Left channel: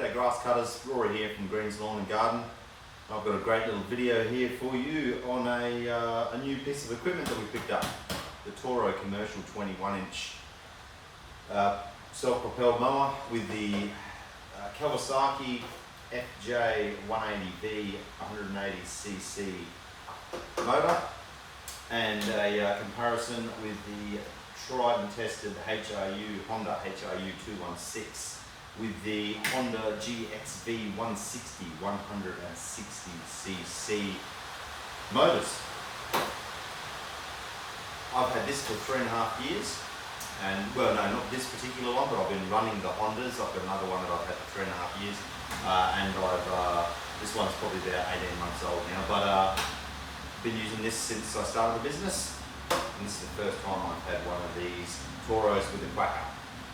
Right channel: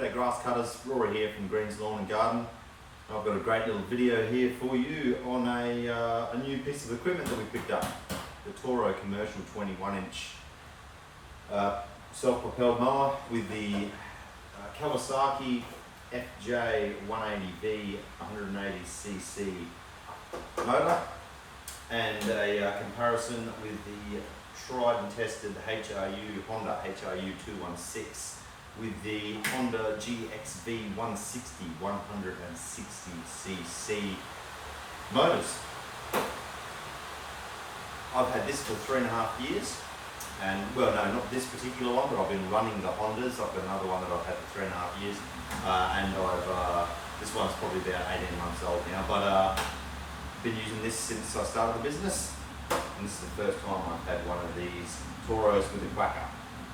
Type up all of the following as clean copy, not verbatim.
G'day grass cutters, Rory here from Green's Lawn and Garden. I've got a great little video here for you on a new piece of equipment that we picked up. The Toro commercial 21-inch self-propelled mower with the Kawasaki FJ180V 180cc motor, and a comparison with the tried and tested Honda HRU216 with the Honda GXV160 160cc motors. I've had this for 3.5 years, and well, no, not this particular one, but I've been running the Hondas. I've got another one that I've had for 3.5 years, and this one's probably about 18 months old now, but I've been using this since I started the business, and this is the first time I've had one of these Toros with a quacker.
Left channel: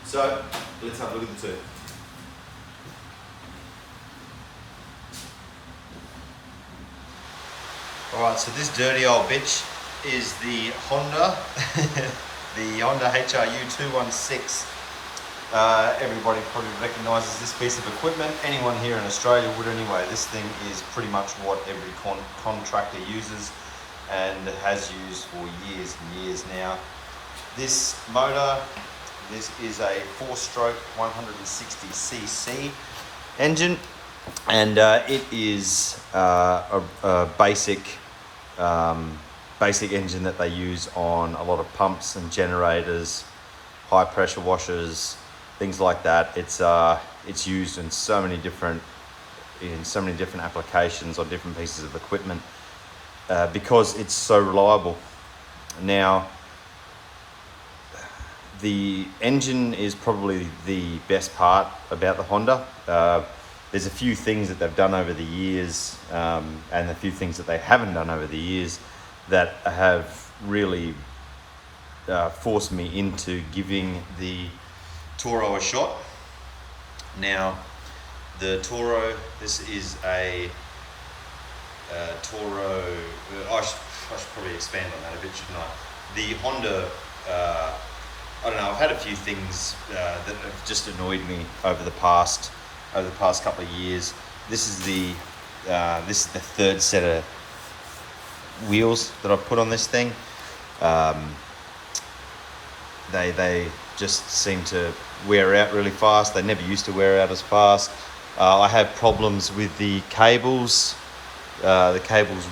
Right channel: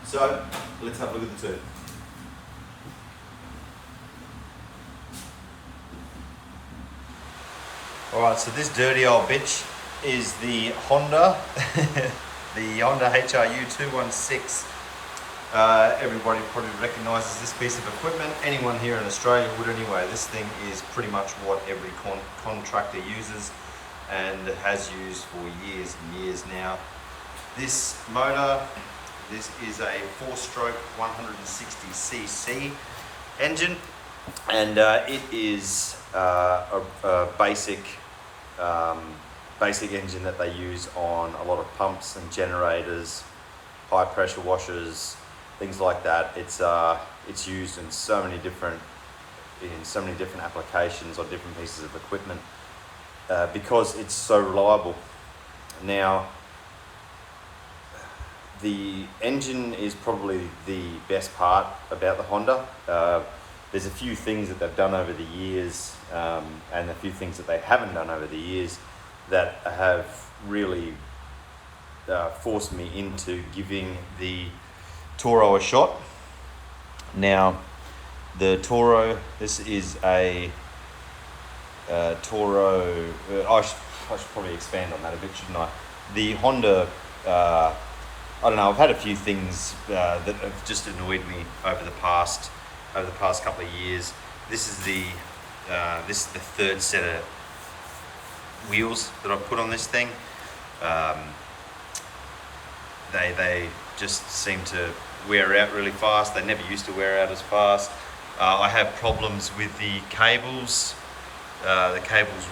So let's have a look at the two. Alright, so this dirty old bitch is the Honda, the Honda HRU216. Everybody probably recognises this piece of equipment. Anyone here in Australia would anyway. This thing is pretty much what every contractor uses and has used for years and years now. This motor, this is a 4-stroke 160cc engine, and it is a basic engine that they use on a lot of pumps and generators, high pressure washers, things like that. It's used in so many different applications on different pieces of equipment because it's so reliable. Now, the engine is probably the best part about the Honda. There's a few things that they've done over the years, and a few things that they haven't done over the years that have really forced me into giving the Toro a shot. Now, the Toro, this is a Toro, I should probably expand on that a bit, shouldn't I? The Honda, I don't know, I've had a few things that have just annoyed me over the past couple of years. This is the third set of wheels that I've put on this thing. They just seem to wear out really fast. They never used to wear out as fast. I have problems with the cables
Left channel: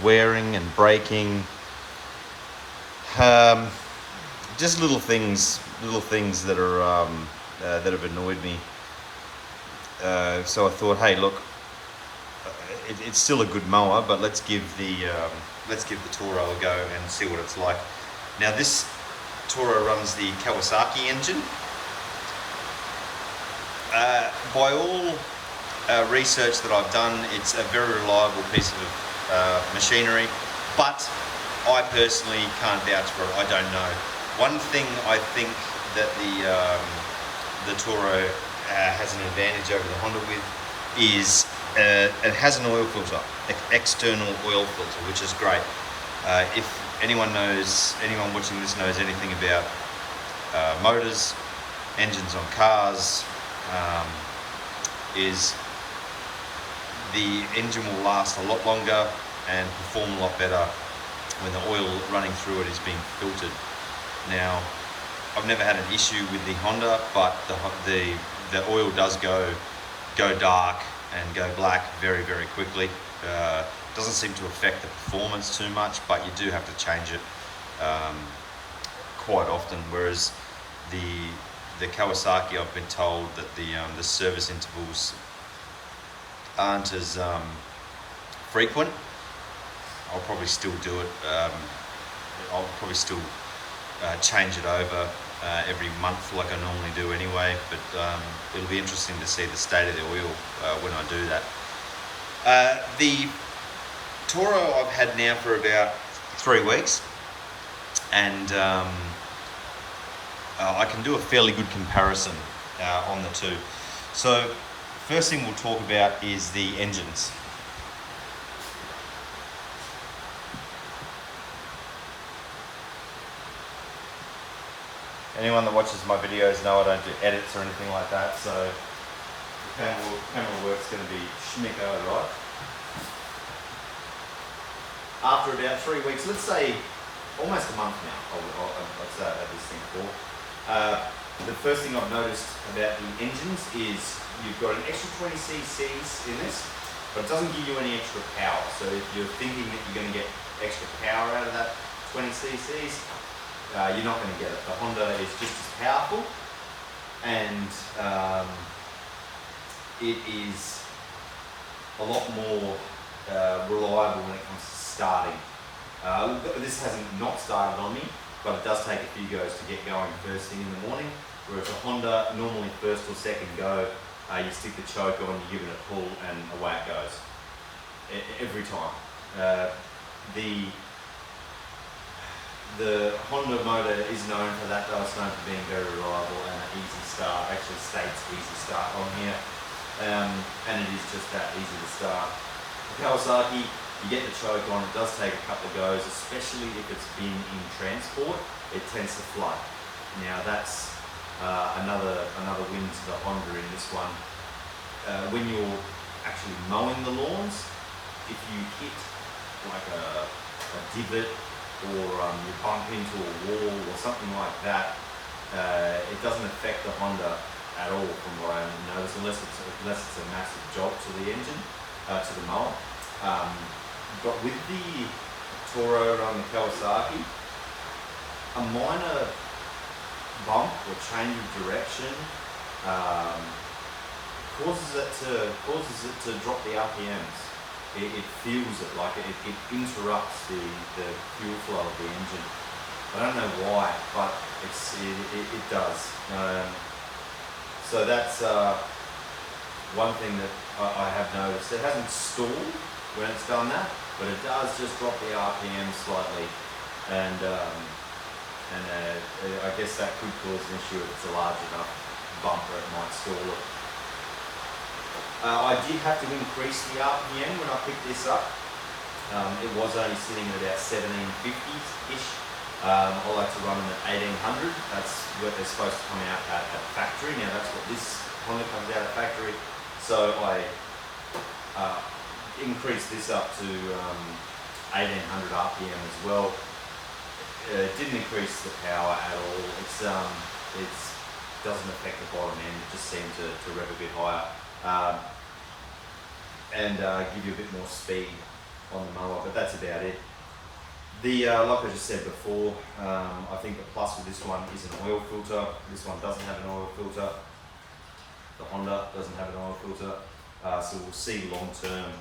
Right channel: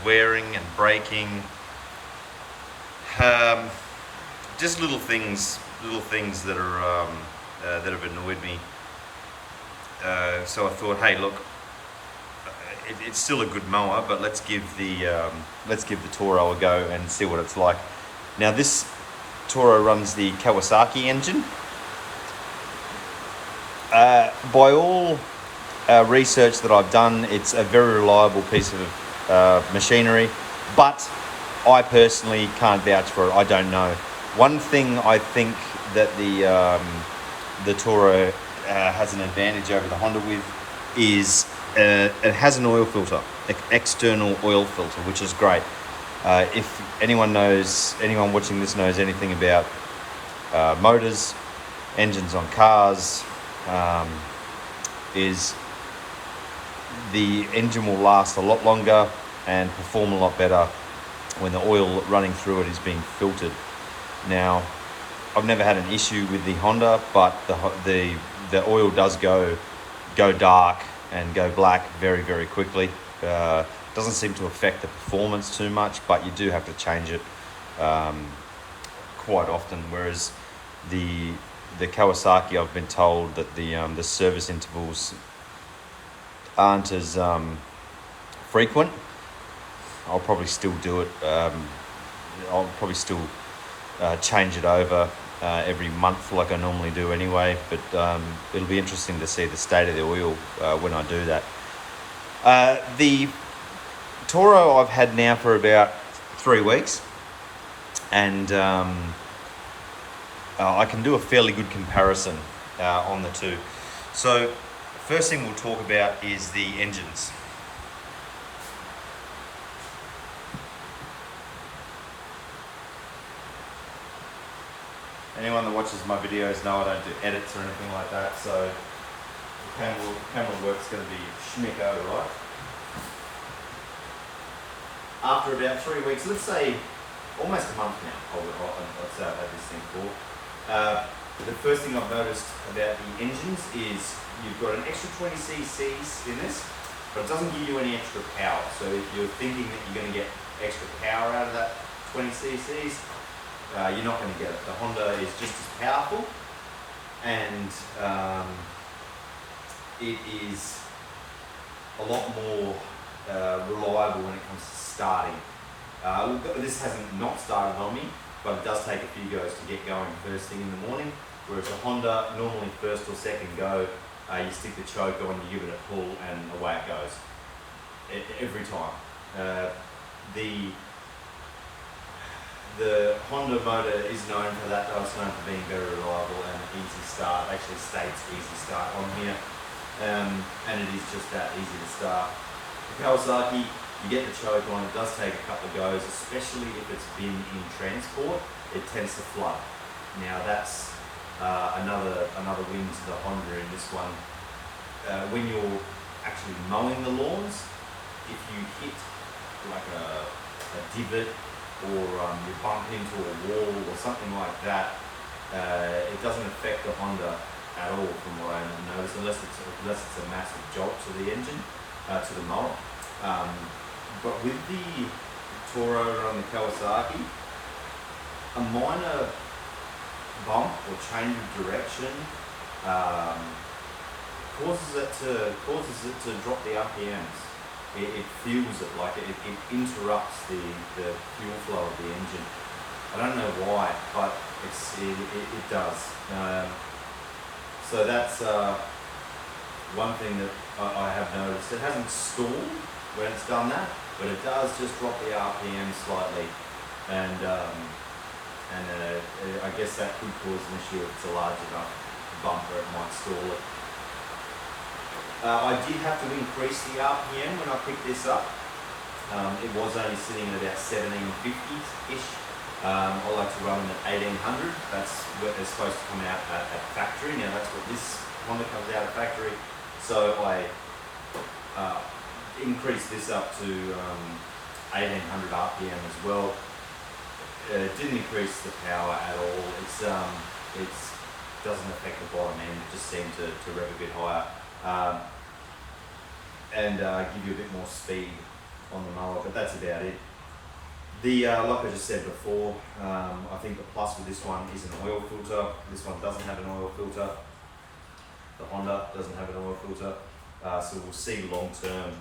wearing and breaking. Just little things that are that have annoyed me. So I thought, hey, look, it's still a good mower, but let's give the Toro a go and see what it's like. Now, this Toro runs the Kawasaki engine. By all research that I've done, it's a very reliable piece of machinery, but I personally can't vouch for it. I don't know. One thing I think that the Toro has an advantage over the Honda with is it has an oil filter, external oil filter, which is great. If anyone watching this knows anything about motors, engines on cars, is the engine will last a lot longer and perform a lot better when the oil running through it is being filtered. Now, I've never had an issue with the Honda, but the oil does go dark and go black very, very quickly. Doesn't seem to affect the performance too much, but you do have to change it quite often. Whereas the Kawasaki, I've been told that the service intervals aren't as frequent. I'll probably still do it. I'll probably still change it over every month like I normally do anyway, but it'll be interesting to see the state of the oil when I do that. The Toro I've had now for about 3 weeks, and I can do a fairly good comparison on the two. So first thing we'll talk about is the engines. Anyone that watches my videos know I don't do edits or anything like that, so camera work's going to be schmicko, right? After about 3 weeks, let's say almost a month now, I'd say I've had this thing for. The first thing I've noticed about the engines is you've got an extra 20 cc's in this, but it doesn't give you any extra power. So if you're thinking that you're going to get extra power out of that 20 cc's, you're not going to get it. The Honda is just as powerful, and it is a lot more reliable when it comes to starting. This hasn't not started on me, but it does take a few goes to get going first thing in the morning. Whereas a Honda, normally first or second go, you stick the choke on, you give it a pull, and away it goes. Every time. The Honda motor is known for that, though. It's known for being very reliable and an easy start. Actually states easy start on here, and it is just that easy to start. The Kawasaki, you get the choke on, it does take a couple of goes, especially if it's been in transport, it tends to flood. Now that's another win to the Honda in this one. When you're actually mowing the lawns, if you hit like a divot, or you bump into a wall or something like that, it doesn't affect the Honda at all, from what I noticed, unless it's a massive jolt to the engine, to the mower. But with the Toro and the Kawasaki, a minor bump or change of direction causes it to drop the RPMs. It feels it, like it interrupts the fuel flow of the engine. I don't know why, but it does. So that's one thing that I have noticed. It hasn't stalled when it's done that, but it does just drop the RPM slightly, and I guess that could cause an issue if it's a large enough bump where it might stall it. I did have to increase the RPM when I picked this up. It was only sitting at about 1750-ish. I like to run them at 1800. That's what they're supposed to come out at factory. Now that's what this Honda comes out at factory. So I increased this up to 1800 RPM as well. It didn't increase the power at all. It doesn't affect the bottom end. It just seemed to rev a bit higher. And give you a bit more speed on the mower, but that's about it. Like I just said before, I think the plus with this one is an oil filter. This one doesn't have an oil filter. The Honda doesn't have an oil filter. So we'll see long term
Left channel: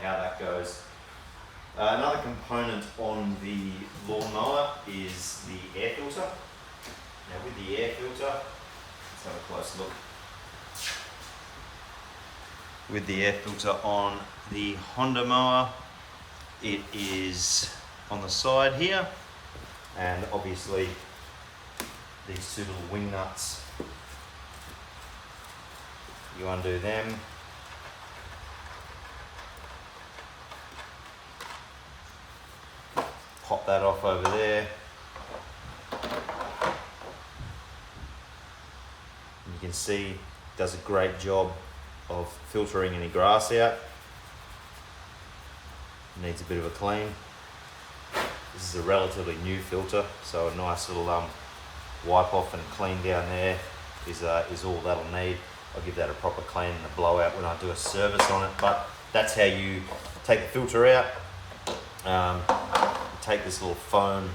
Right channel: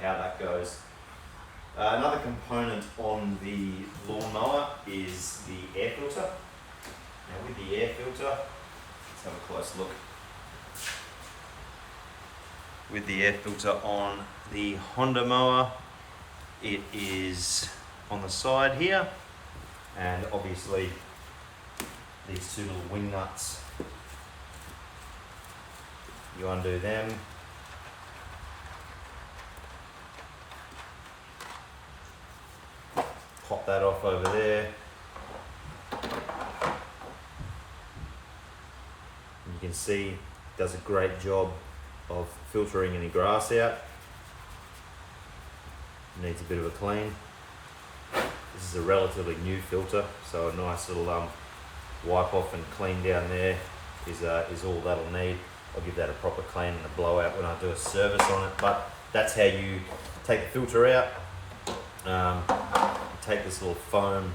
how that goes. Another component on the lawnmower is the air filter. Now with the air filter, let's have a close look. With the air filter on the Honda mower, it is on the side here, and obviously these two little wing nuts, you undo them, pop that off over there, and you can see it does a great job of filtering any grass out. Needs a bit of a clean. This is a relatively new filter, so a nice little wipe off and clean down there is all that'll need. I'll give that a proper clean and a blowout when I do a service on it, but that's how you take the filter out. Take this little foam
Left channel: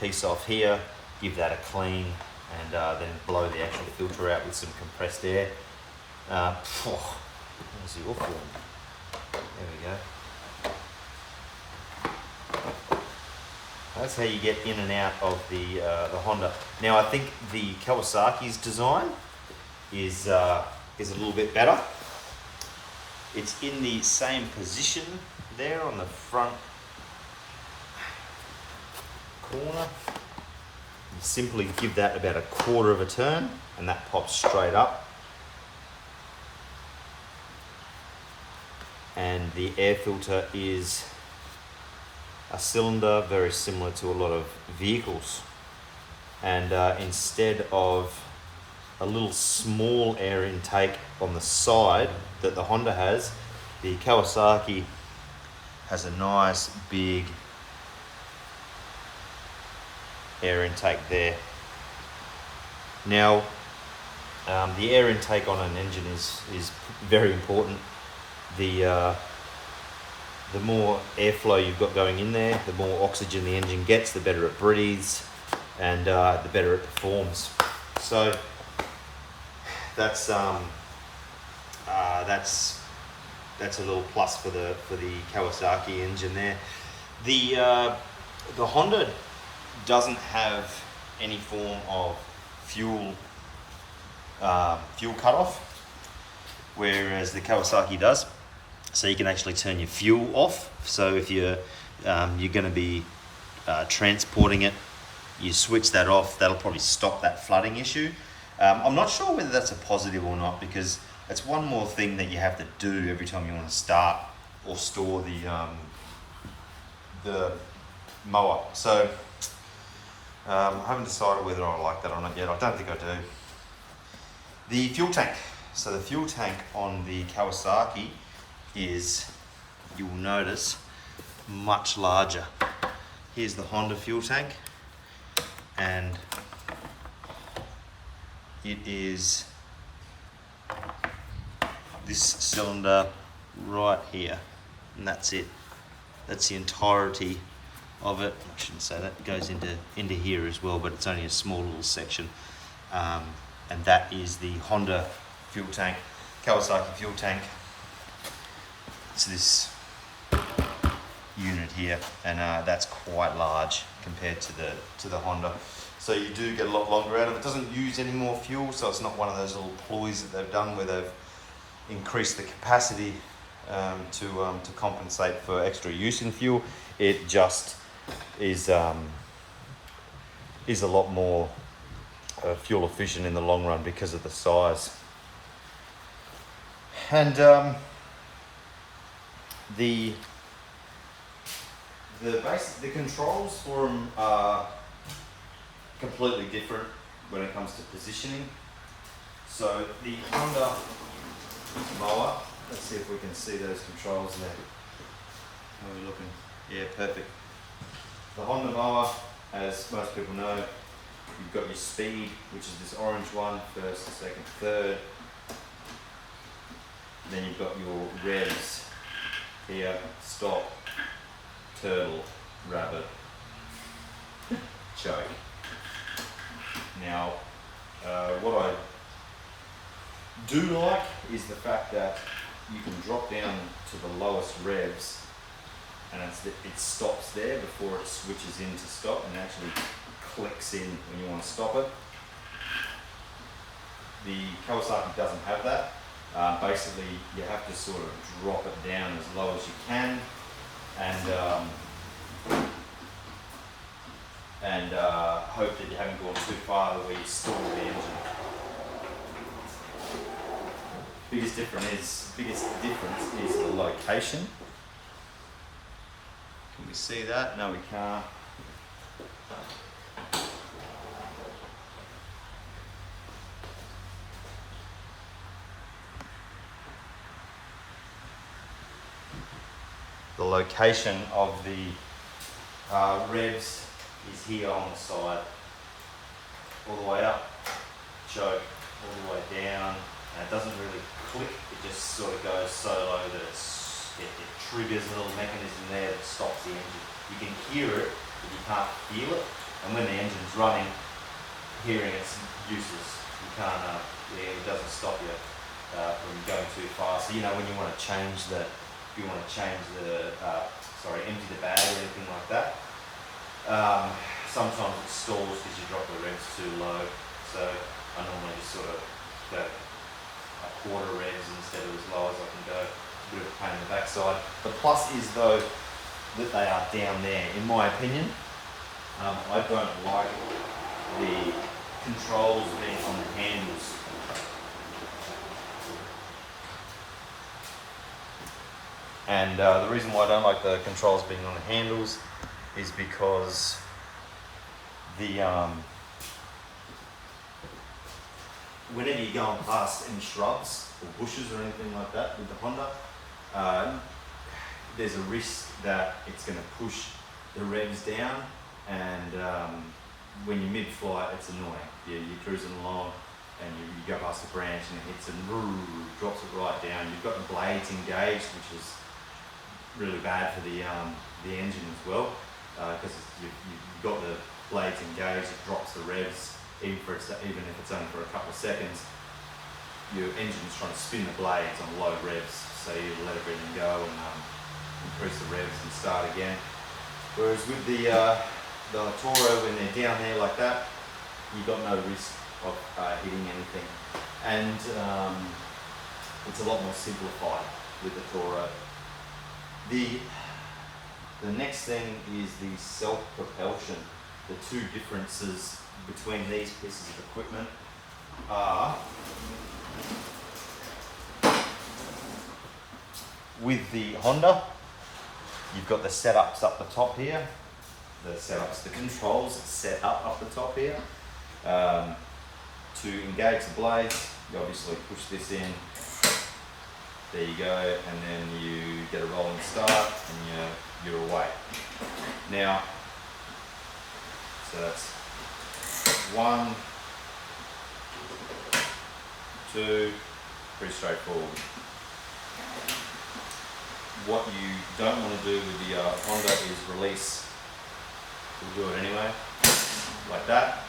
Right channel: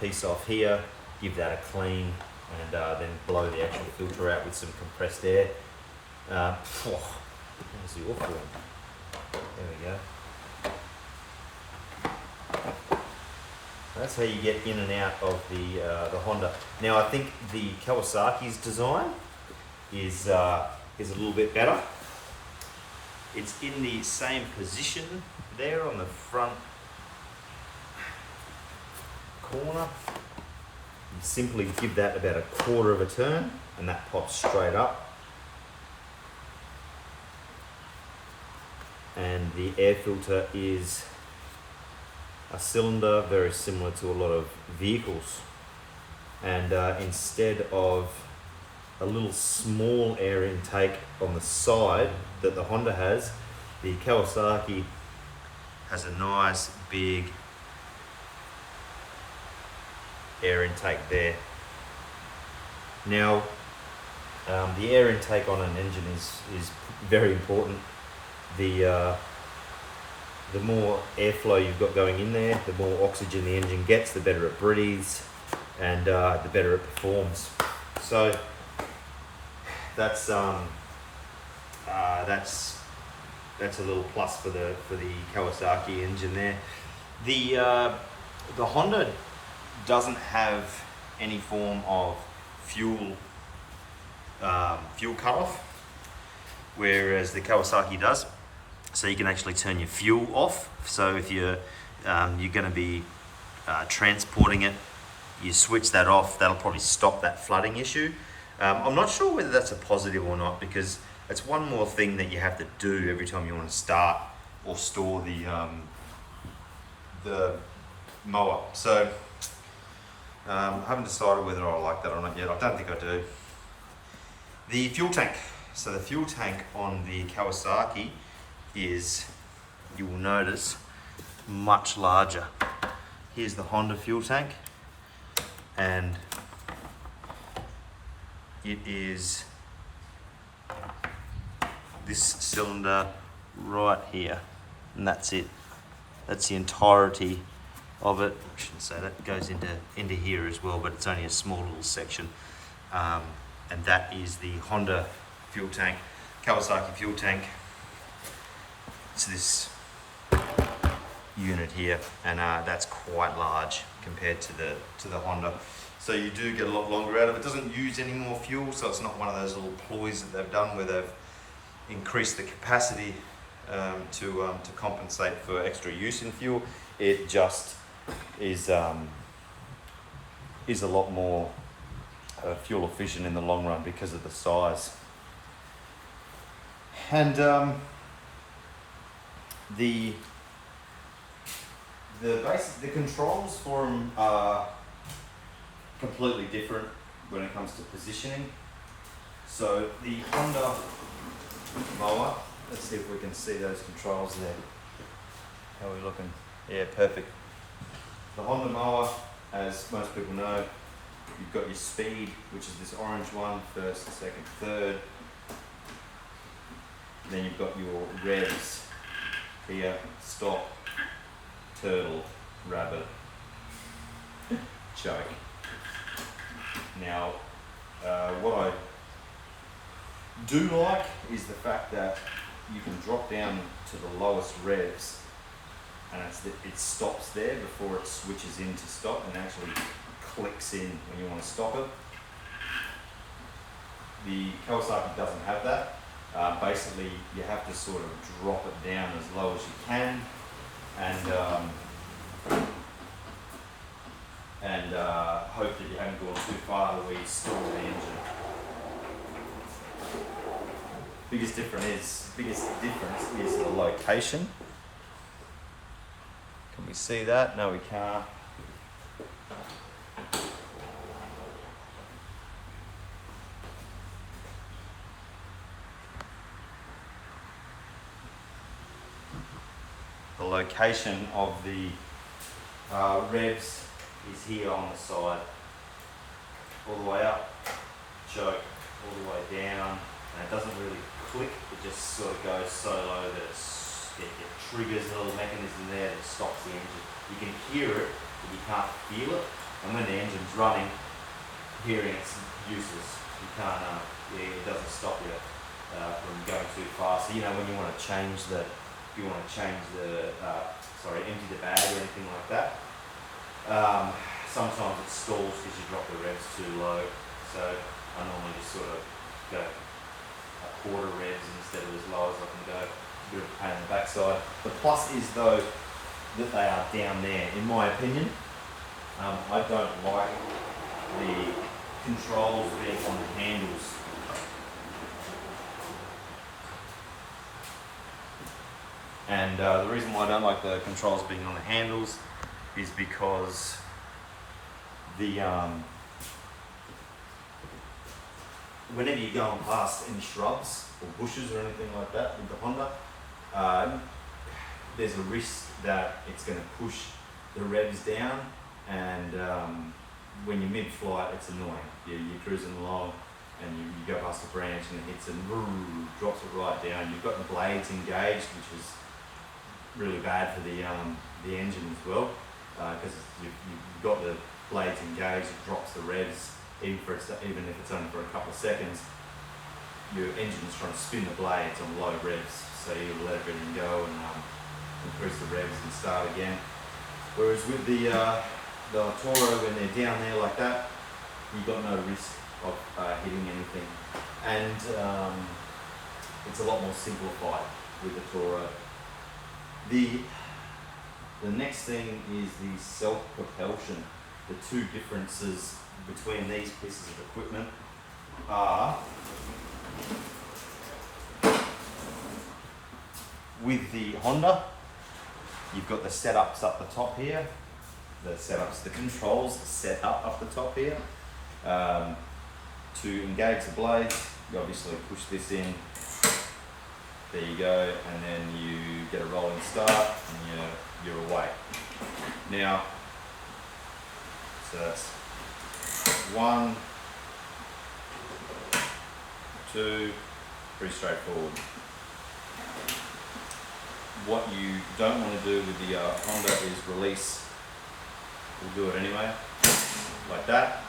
piece off here, give that a clean, and then blow the actual filter out with some compressed air. Where's your form? There we go. That's how you get in and out of the Honda. Now I think the Kawasaki's design is a little bit better. It's in the same position there on the front corner. You simply give that about a quarter of a turn, and that pops straight up. And the air filter is a cylinder very similar to a lot of vehicles, and instead of a little small air intake on the side that the Honda has. The Kawasaki has a nice big air intake there. Now, the air intake on an engine is very important. The more airflow you've got going in there, the more oxygen the engine gets, the better it breathes, and the better it performs. So that's a little plus for the Kawasaki engine there. The Honda doesn't have any form of fuel cutoff, whereas the Kawasaki does. So you can actually turn your fuel off. So if you're going to be transporting it, you switch that off. That'll probably stop that flooding issue. I'm not sure whether that's a positive or not, because it's one more thing that you have to do every time you want to start or store the mower. So I haven't decided whether I like that or not yet. I don't think I do. The fuel tank. So the fuel tank on the Kawasaki is, you will notice, much larger. Here's the Honda fuel tank, and it is this cylinder right here, and that's it. That's the entirety of it. I shouldn't say that. It goes into here as well, but it's only a small little section. And that is the Honda fuel tank, Kawasaki fuel tank. It's this unit here, and that's quite large compared to the Honda. So you do get a lot longer out of it. It doesn't use any more fuel, so it's not one of those little ploys that they've done where they've increased the capacity to compensate for extra use in fuel. It just is a lot more fuel efficient in the long run because of the size. And the controls for them are completely different when it comes to positioning. So the Honda mower, let's see if we can see those controls there. How are we looking? Yeah, perfect. The Honda mower, as most people know, you've got your speed, which is this orange one, first, second, third. Then you've got your revs here, stop, turtle, rabbit, choke. Now, what I do like is the fact that you can drop down to the lowest revs, and it stops there before it switches in to stop, and actually clicks in when you want to stop it. The Kawasaki doesn't have that. Basically, you have to sort of drop it down as low as you can, and hope that you haven't gone too far where you stall the engine. Biggest difference is the location. Can you see that? No, we can't. The location of the revs is here on the side, all the way up, choke, all the way down, and it doesn't really click, it just sort of goes so low that it triggers a little mechanism there that stops the engine. You can hear it, but you can't feel it, and when the engine's running, hearing it's useless. You can't, it doesn't stop you from going too fast. So, you know, when you want to change empty the bag or anything like that, sometimes it stalls because you drop the revs too low. So I normally just sort of go a quarter revs instead of as low as I can go. A bit of a pain in the backside. The plus is though that they are down there. In my opinion, I don't like the controls being on the handles. And the reason why I don't like the controls being on the handles is because whenever you're going past any shrubs or bushes or anything like that with the Honda, there's a risk that it's going to push the revs down, and when you're mid-flight, it's annoying. You're cruising along and you go past the branch and it hits and drops it right down. You've got the blades engaged, which is really bad for the engine as well, because you've got the blades engaged. It drops the revs, even if it's only for a couple of seconds. Your engine's trying to spin the blades on low revs, so you let everything go and increase the revs and start again. Whereas with the Toro, when they're down there like that, you've got no risk of hitting anything, and it's a lot more simplified with the Toro. The next thing is the self-propulsion. The two differences between these pieces of equipment are, with the Honda, you've got the setups up the top here. The controls set up the top here. To engage the blades, you obviously push this in. There you go, and then you get a rolling start, and you're away. Now, so that's 1, 2, pretty straightforward. What you don't want to do with the Honda is release. We'll do it anyway, like that.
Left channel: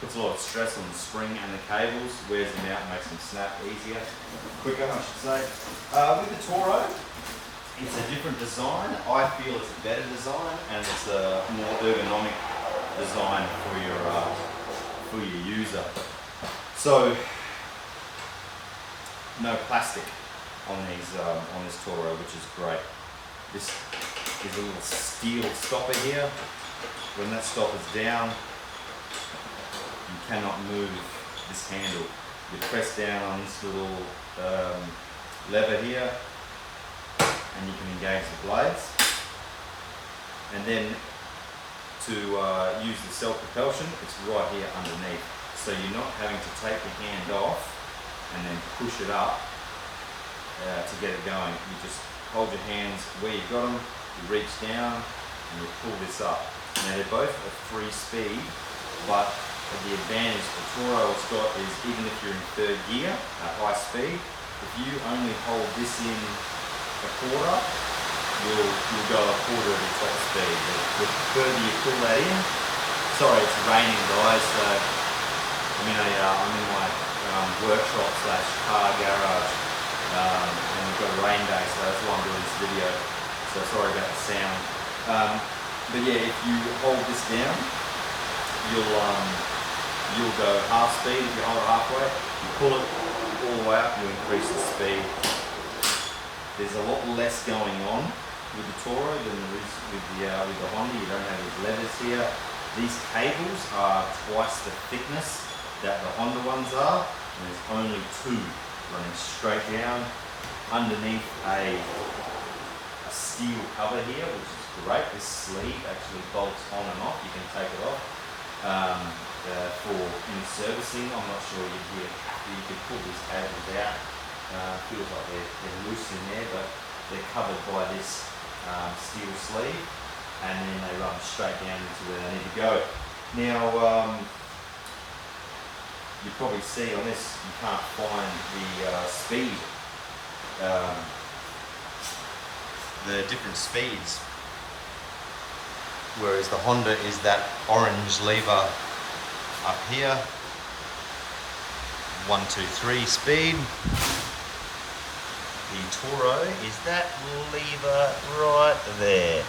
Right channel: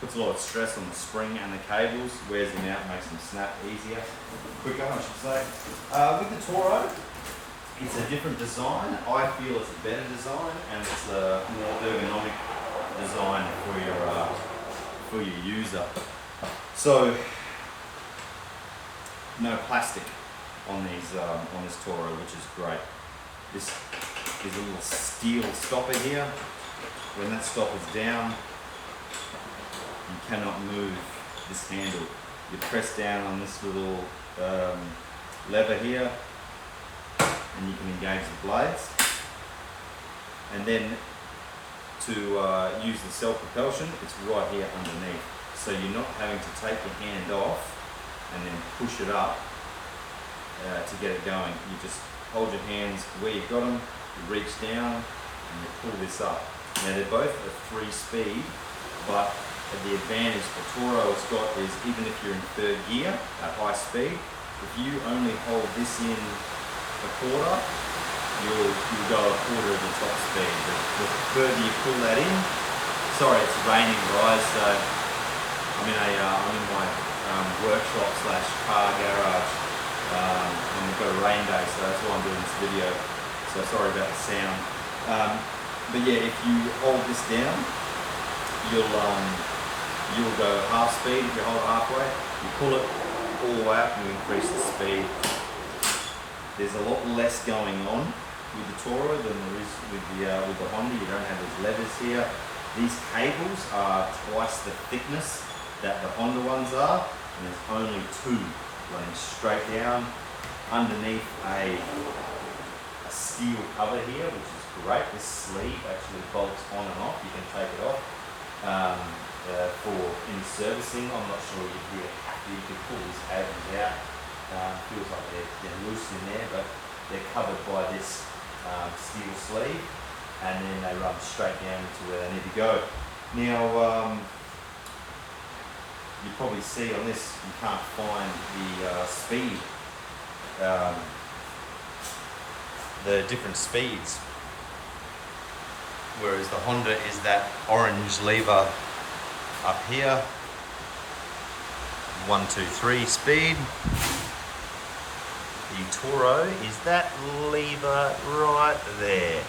Puts a lot of stress on the spring and the cables, wears them out, makes them snap easier, quicker I should say. With the Toro, it's a different design. I feel it's a better design, and it's a more ergonomic design for your user. So, no plastic on this Toro, which is great. This is a little steel stopper here. When that stopper's down, you cannot move this handle. You press down on this little lever here, and you can engage the blades. And then to use the self-propulsion, it's right here underneath. So you're not having to take your hand off and then push it up to get it going. You just hold your hands where you've got them, you reach down, and you pull this up. Now they're both at 3 speed, but the advantage the Toro's got is, even if you're in 3rd gear at high speed, if you only hold this in a quarter, you'll go a quarter of the top speed. The further you pull that in, sorry, it's raining, guys, so I'm in my workshop / car garage, and we've got a rain day, so that's why I'm doing this video. So sorry about the sound. But yeah, if you hold this down, you'll go half speed. If you hold it halfway, you pull it all the way up, you increase the speed. There's a lot less going on with the Toro than there is with the Honda. You don't have these levers here. These cables are twice the thickness that the Honda ones are, and there's only 2 running straight down underneath a steel cover here, which is great. This sleeve actually bolts on and off. You can take it off for any servicing. I'm not sure you could pull these cables out. Feels like they're loose in there, but they're covered by this steel sleeve, and then they run straight down to where they need to go. Now, you probably see on this, you can't find the speed, the different speeds, whereas the Honda is that orange lever up here, 1, 2, 3 speed. The Toro is that lever right there.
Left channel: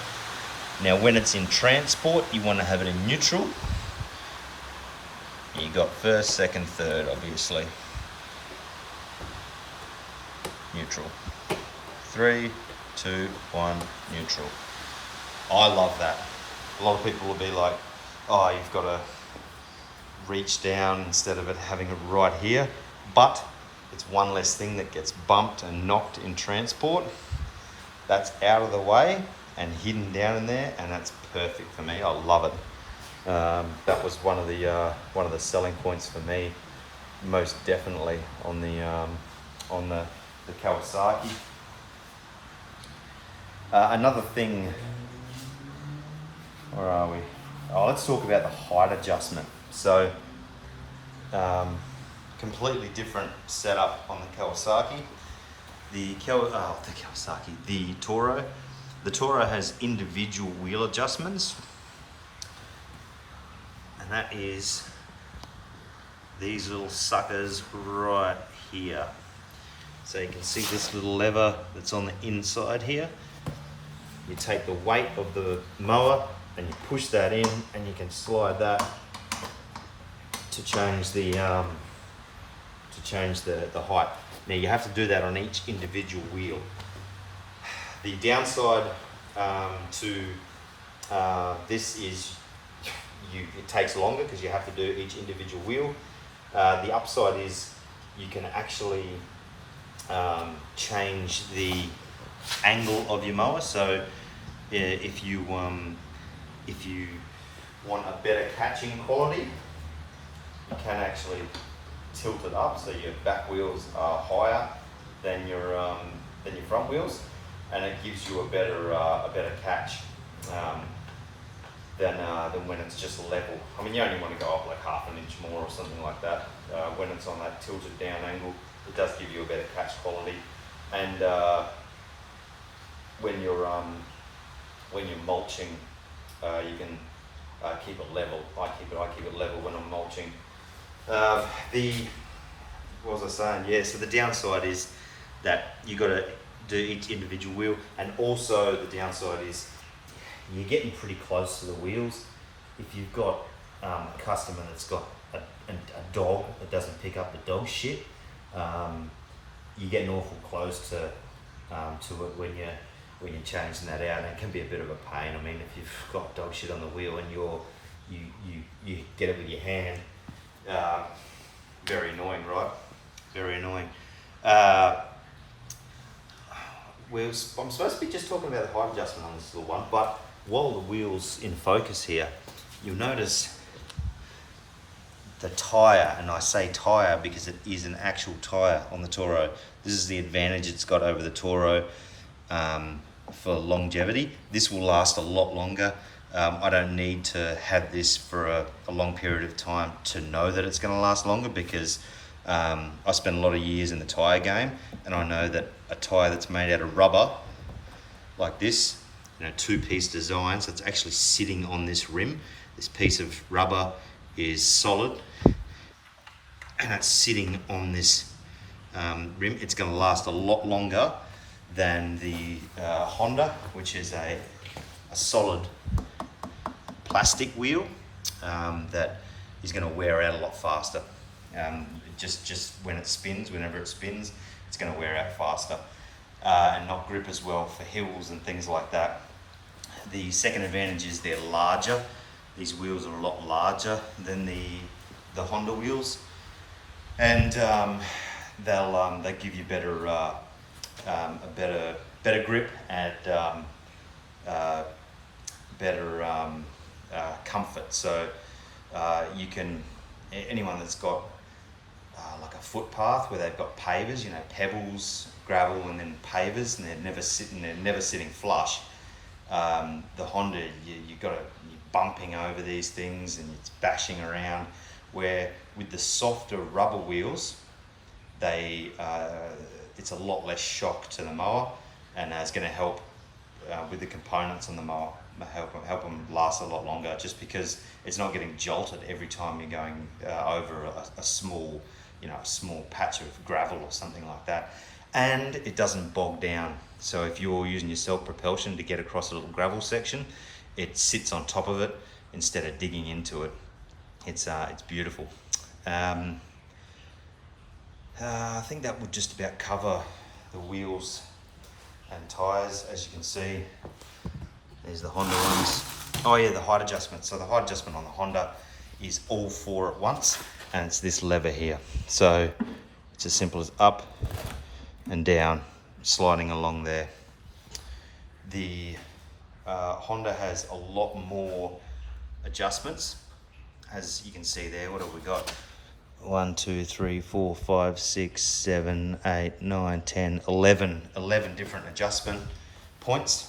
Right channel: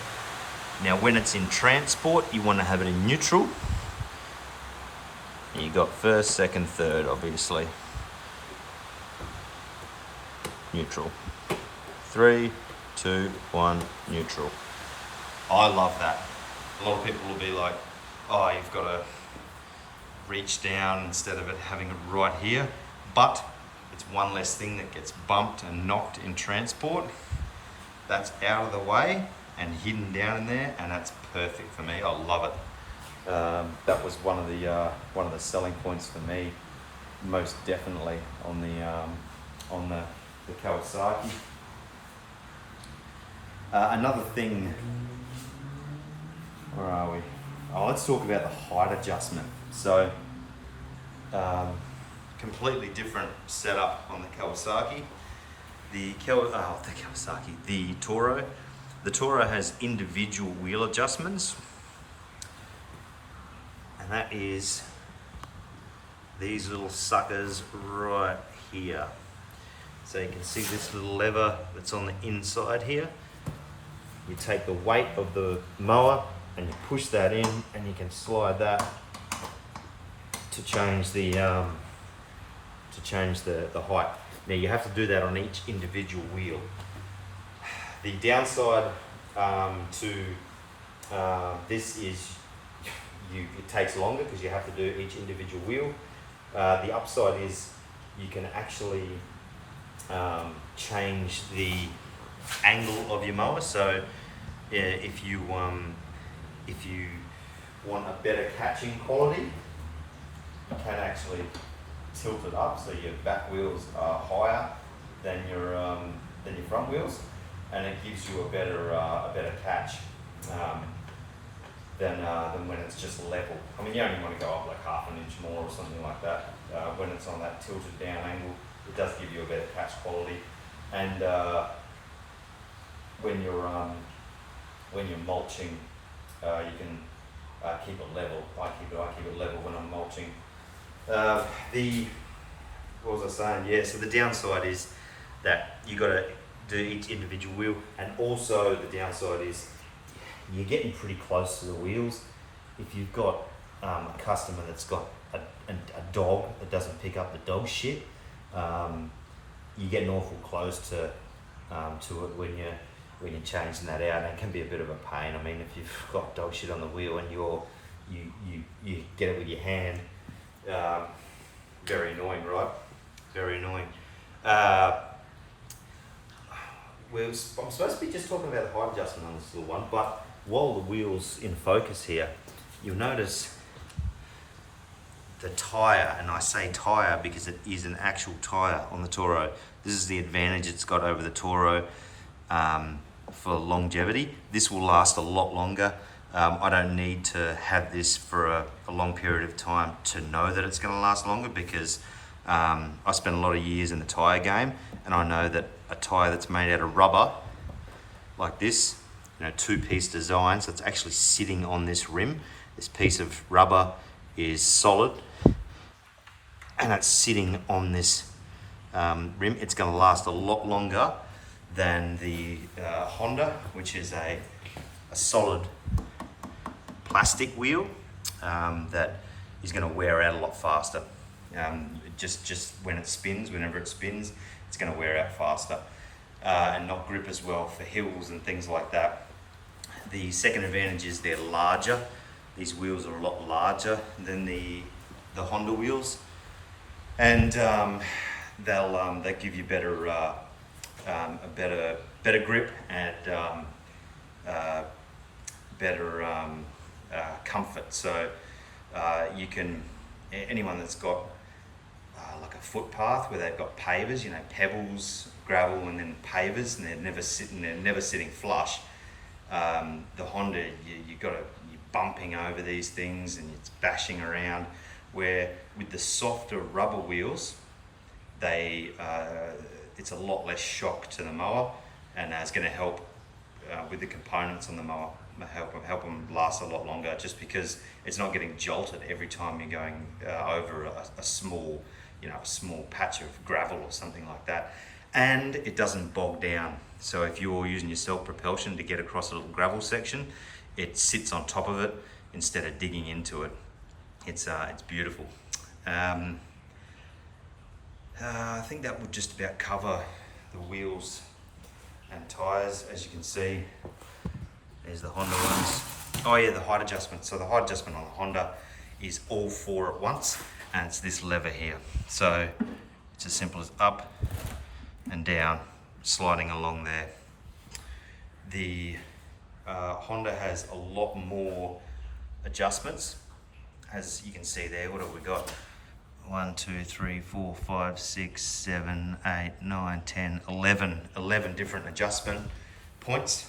Now when it's in transport, you want to have it in neutral. You got 1st, 2nd, 3rd, obviously. Neutral. 3, 2, 1, neutral. I love that. A lot of people will be like, oh, you've got to reach down instead of it having it right here. But it's one less thing that gets bumped and knocked in transport. That's out of the way and hidden down in there, and that's perfect for me. I love it. That was one of the selling points for me most definitely on the Kawasaki. Another thing, where are we? Oh, let's talk about the height adjustment. So, completely different setup on the Kawasaki. The Toro. The Toro has individual wheel adjustments, and that is these little suckers right here. So you can see this little lever that's on the inside here. You take the weight of the mower and you push that in, and you can slide that to change the height. Now you have to do that on each individual wheel. The downside to this is it takes longer because you have to do each individual wheel. The upside is you can actually change the angle of your mower. So if you want a better catching quality, you can actually tilt it up so your back wheels are higher than your front wheels, and it gives you a better catch than when it's just level. I mean, you only want to go up like half an inch more or something like that. When it's on that tilted down angle, it does give you a better catch quality. And when you're mulching, you can keep it level. I keep it level when I'm mulching. What was I saying? Yeah, so the downside is that you got to do each individual wheel, and also the downside is you're getting pretty close to the wheels. If you've got a customer that's got a dog that doesn't pick up the dog shit, you're getting awful close to it when you're changing that out, and it can be a bit of a pain. I mean, if you've got dog shit on the wheel and you get it with your hand, very annoying, right? Very annoying. I'm supposed to be just talking about the height adjustment on this little one, but while the wheel's in focus here, you'll notice the tyre, and I say tyre because it is an actual tyre on the Toro. This is the advantage it's got over the Toro for longevity. This will last a lot longer. I don't need to have this for a long period of time to know that it's going to last longer, because I spent a lot of years in the tyre game, and I know that a tyre that's made out of rubber like this, two-piece design, so it's actually sitting on this rim. This piece of rubber is solid and it's sitting on this rim. It's going to last a lot longer than the Honda, which is a solid plastic wheel that is going to wear out a lot faster. Just when it spins, whenever it spins, it's going to wear out faster and not grip as well for hills and things like that. The second advantage is they're larger. These wheels are a lot larger than the Honda wheels, and they'll give you a better grip and better comfort. So you can, anyone that's got like a footpath where they've got pavers, pebbles, gravel, and then pavers, and they're never sitting flush. The Honda, you're bumping over these things and it's bashing around. Where with the softer rubber wheels, it's a lot less shock to the mower, and it's going to help with the components on the mower, help them last a lot longer, just because it's not getting jolted every time you're going over a small patch of gravel or something like that, and it doesn't bog down. So if you're using your self-propulsion to get across a little gravel section, it sits on top of it instead of digging into it. It's beautiful. I think that would just about cover the wheels and tires. As you can see, there's the Honda ones. Oh yeah, the height adjustment. So the height adjustment on the Honda is all four at once, and it's this lever here. So it's as simple as up and down, sliding along there. The Honda has a lot more adjustments. As you can see there, what have we got? 1, 2, 3, 4, 5, 6, 7, 8, 9, 10, 11 different adjustment points.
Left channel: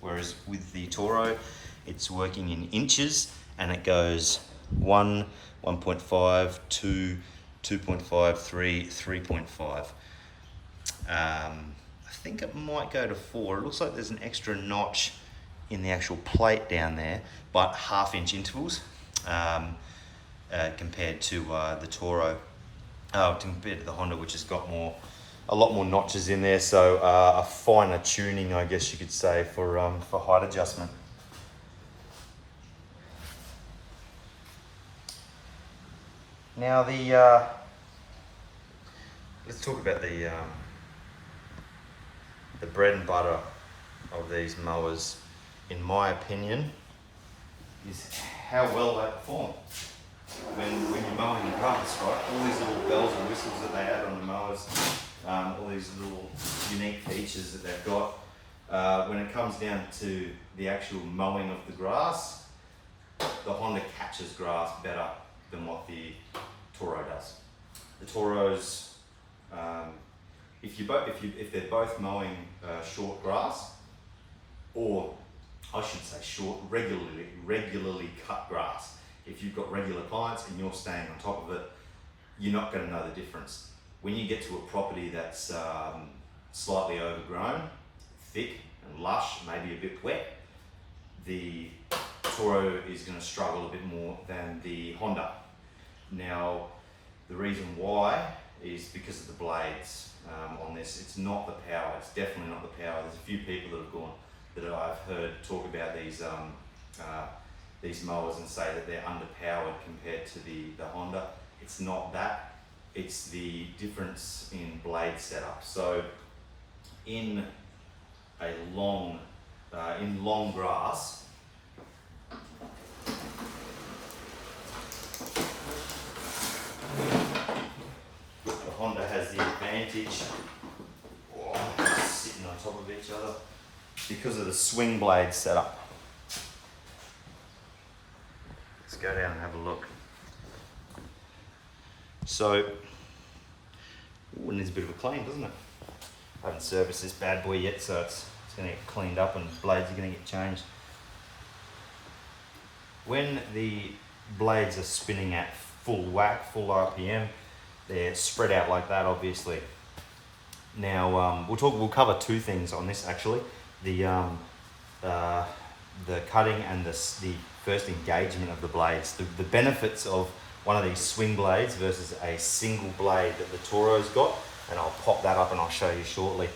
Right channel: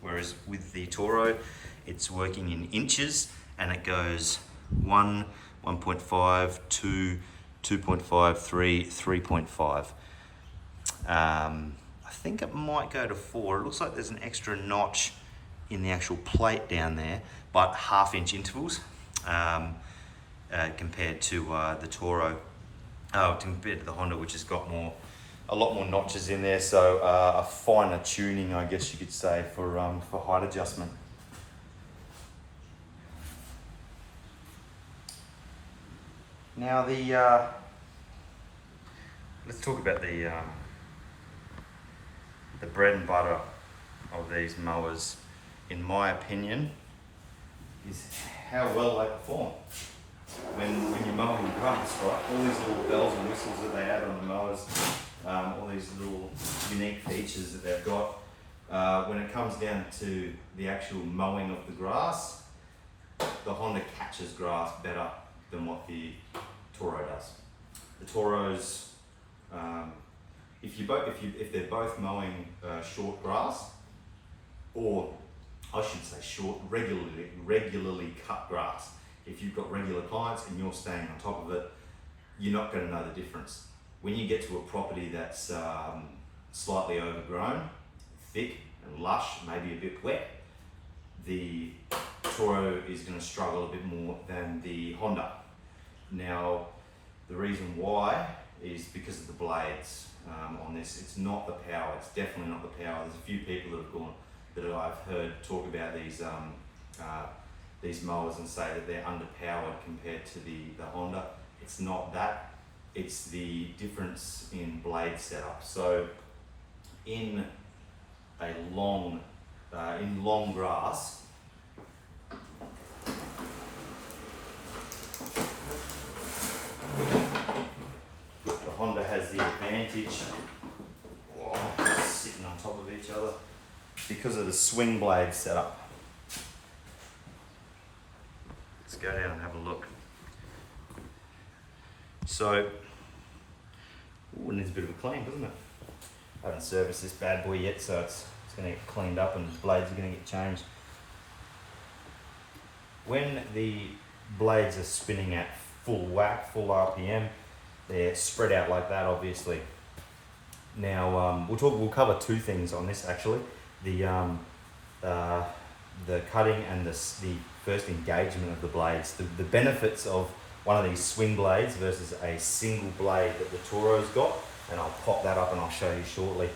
Whereas with the Toro, it's working in inches and it goes 1, 1.5, 2, 2.5, 3, 3.5. I think it might go to 4. It looks like there's an extra notch in the actual plate down there, but 1/2 inch intervals compared to the Toro, compared to the Honda, which has got a lot more notches in there, so a finer tuning, I guess you could say, for height adjustment. Now let's talk about the bread and butter of these mowers, in my opinion, is how well they perform. When you're mowing grass, right? All these little bells and whistles that they add on the mowers, all these little unique features that they've got. When it comes down to the actual mowing of the grass, the Honda catches grass better than what the Toro does. The Toros, if they're both mowing short grass, or I should say regularly cut grass. If you've got regular clients and you're staying on top of it, you're not going to know the difference. When you get to a property that's slightly overgrown, thick and lush, maybe a bit wet, the Toro is going to struggle a bit more than the Honda. Now, the reason why is because of the blades on this. It's not the power. It's definitely not the power. There's a few people that I've heard talk about these mowers and say that they're underpowered compared to the Honda. It's not that. It's the difference in blade setup. So in long grass, the Honda has the advantage, sitting on top of each other, because of the swing blade setup. Let's go down and have a look. So, it needs a bit of a clean, doesn't it? I haven't serviced this bad boy yet, so it's going to get cleaned up and blades are going to get changed. When the blades are spinning at full whack, full RPM, they're spread out like that, obviously. Now we'll cover two things on this actually: the cutting and the first engagement of the blades. The benefits of one of these swing blades versus a single blade that the Toro's got, and I'll pop that up and I'll show you shortly.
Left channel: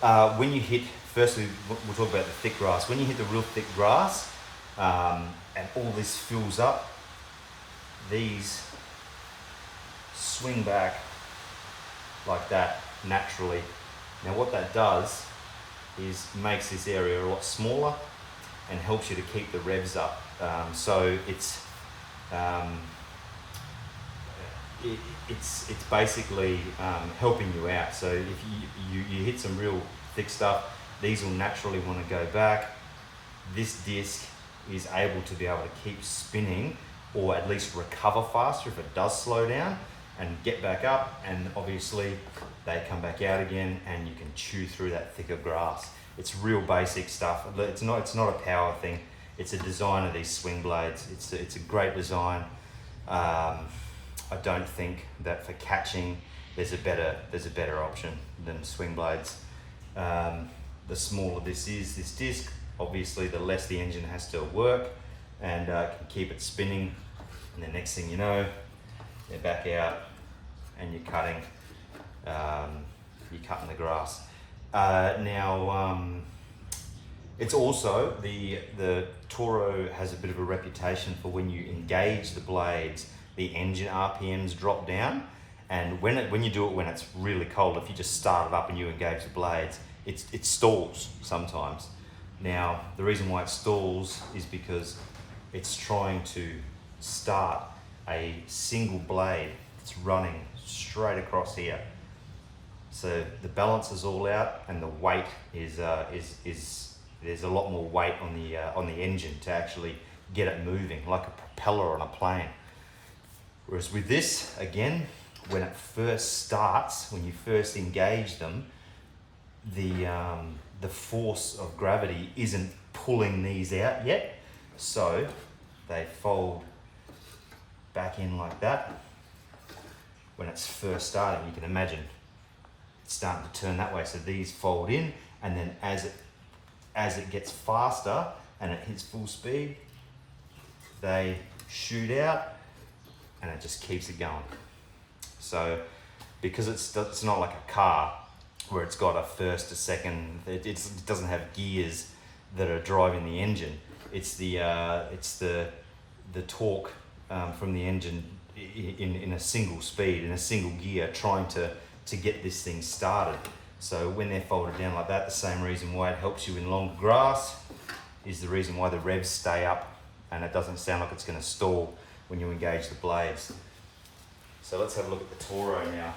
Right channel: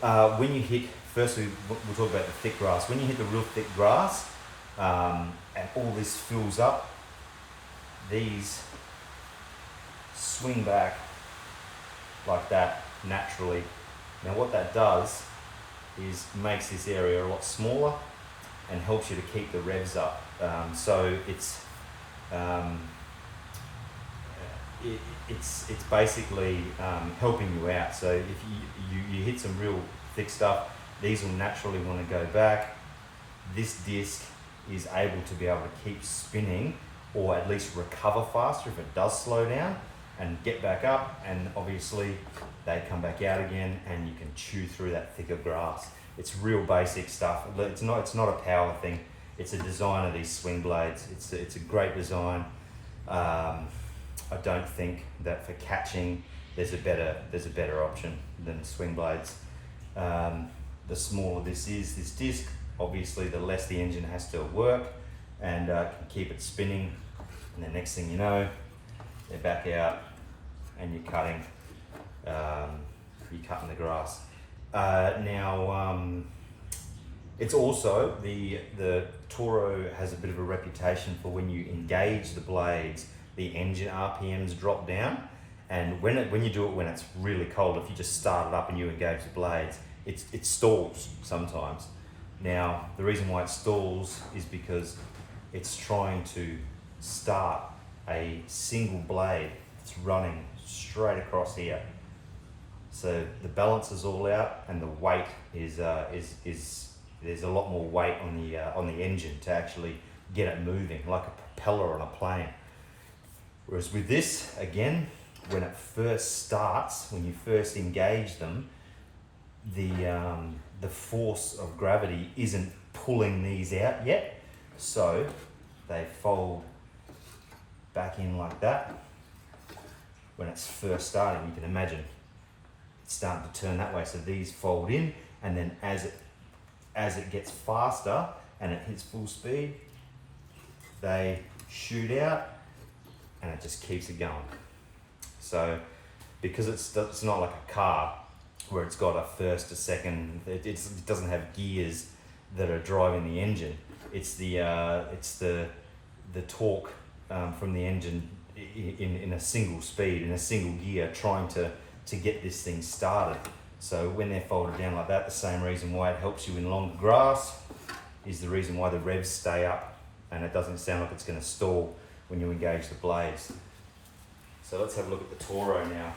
When you hit, firstly, we'll talk about the thick grass. When you hit the real thick grass and all this fills up, these swing back like that naturally. Now what that does is makes this area a lot smaller and helps you to keep the revs up. So it's basically helping you out. So if you hit some real thick stuff, these will naturally want to go back. This disc is able to be able to keep spinning, or at least recover faster if it does slow down, and get back up, and obviously they come back out again and you can chew through that thicker grass. It's real basic stuff. It's not a power thing. It's a design of these swing blades. It's a great design. I don't think that for catching there's a better option than swing blades. The smaller this disc, obviously the less the engine has to work, and can keep it spinning, and the next thing you know, they're back out and you're cutting the grass. It's also the Toro has a bit of a reputation for when you engage the blades, the engine RPMs drop down, and when you do it when it's really cold, if you just start it up and you engage the blades, it stalls sometimes. Now the reason why it stalls is because it's trying to start a single blade that's running straight across here. So the balance is all out, and the weight is there's a lot more weight on the engine to actually get it moving, like a propeller on a plane. Whereas with this, again, when it first starts, when you first engage them, the force of gravity isn't pulling these out yet, so they fold back in like that. When it's first starting, you can imagine it's starting to turn that way, so these fold in, and then as it gets faster and it hits full speed, they shoot out and it just keeps it going. So because it's not like a car where it's got a first, a second, it doesn't have gears that are driving the engine. It's the torque from the engine in a single speed, in a single gear, trying to get this thing started. So when they're folded down like that, the same reason why it helps you in longer grass is the reason why the revs stay up and it doesn't sound like it's going to stall when you engage the blades. So let's have a look at the Toro now.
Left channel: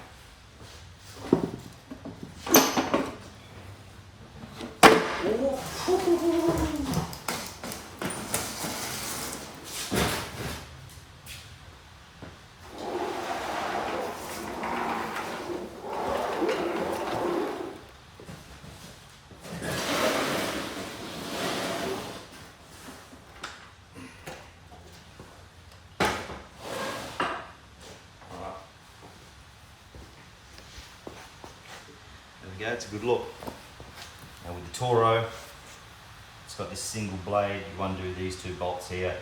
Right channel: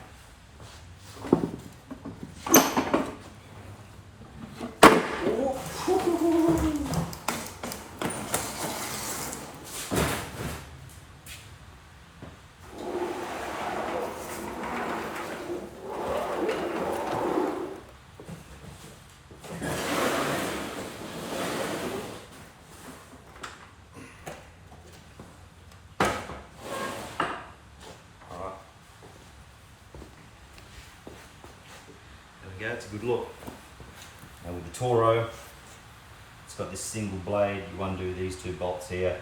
There we go, it's a good look. Now with the Toro, it's got this single blade. You undo these two bolts here.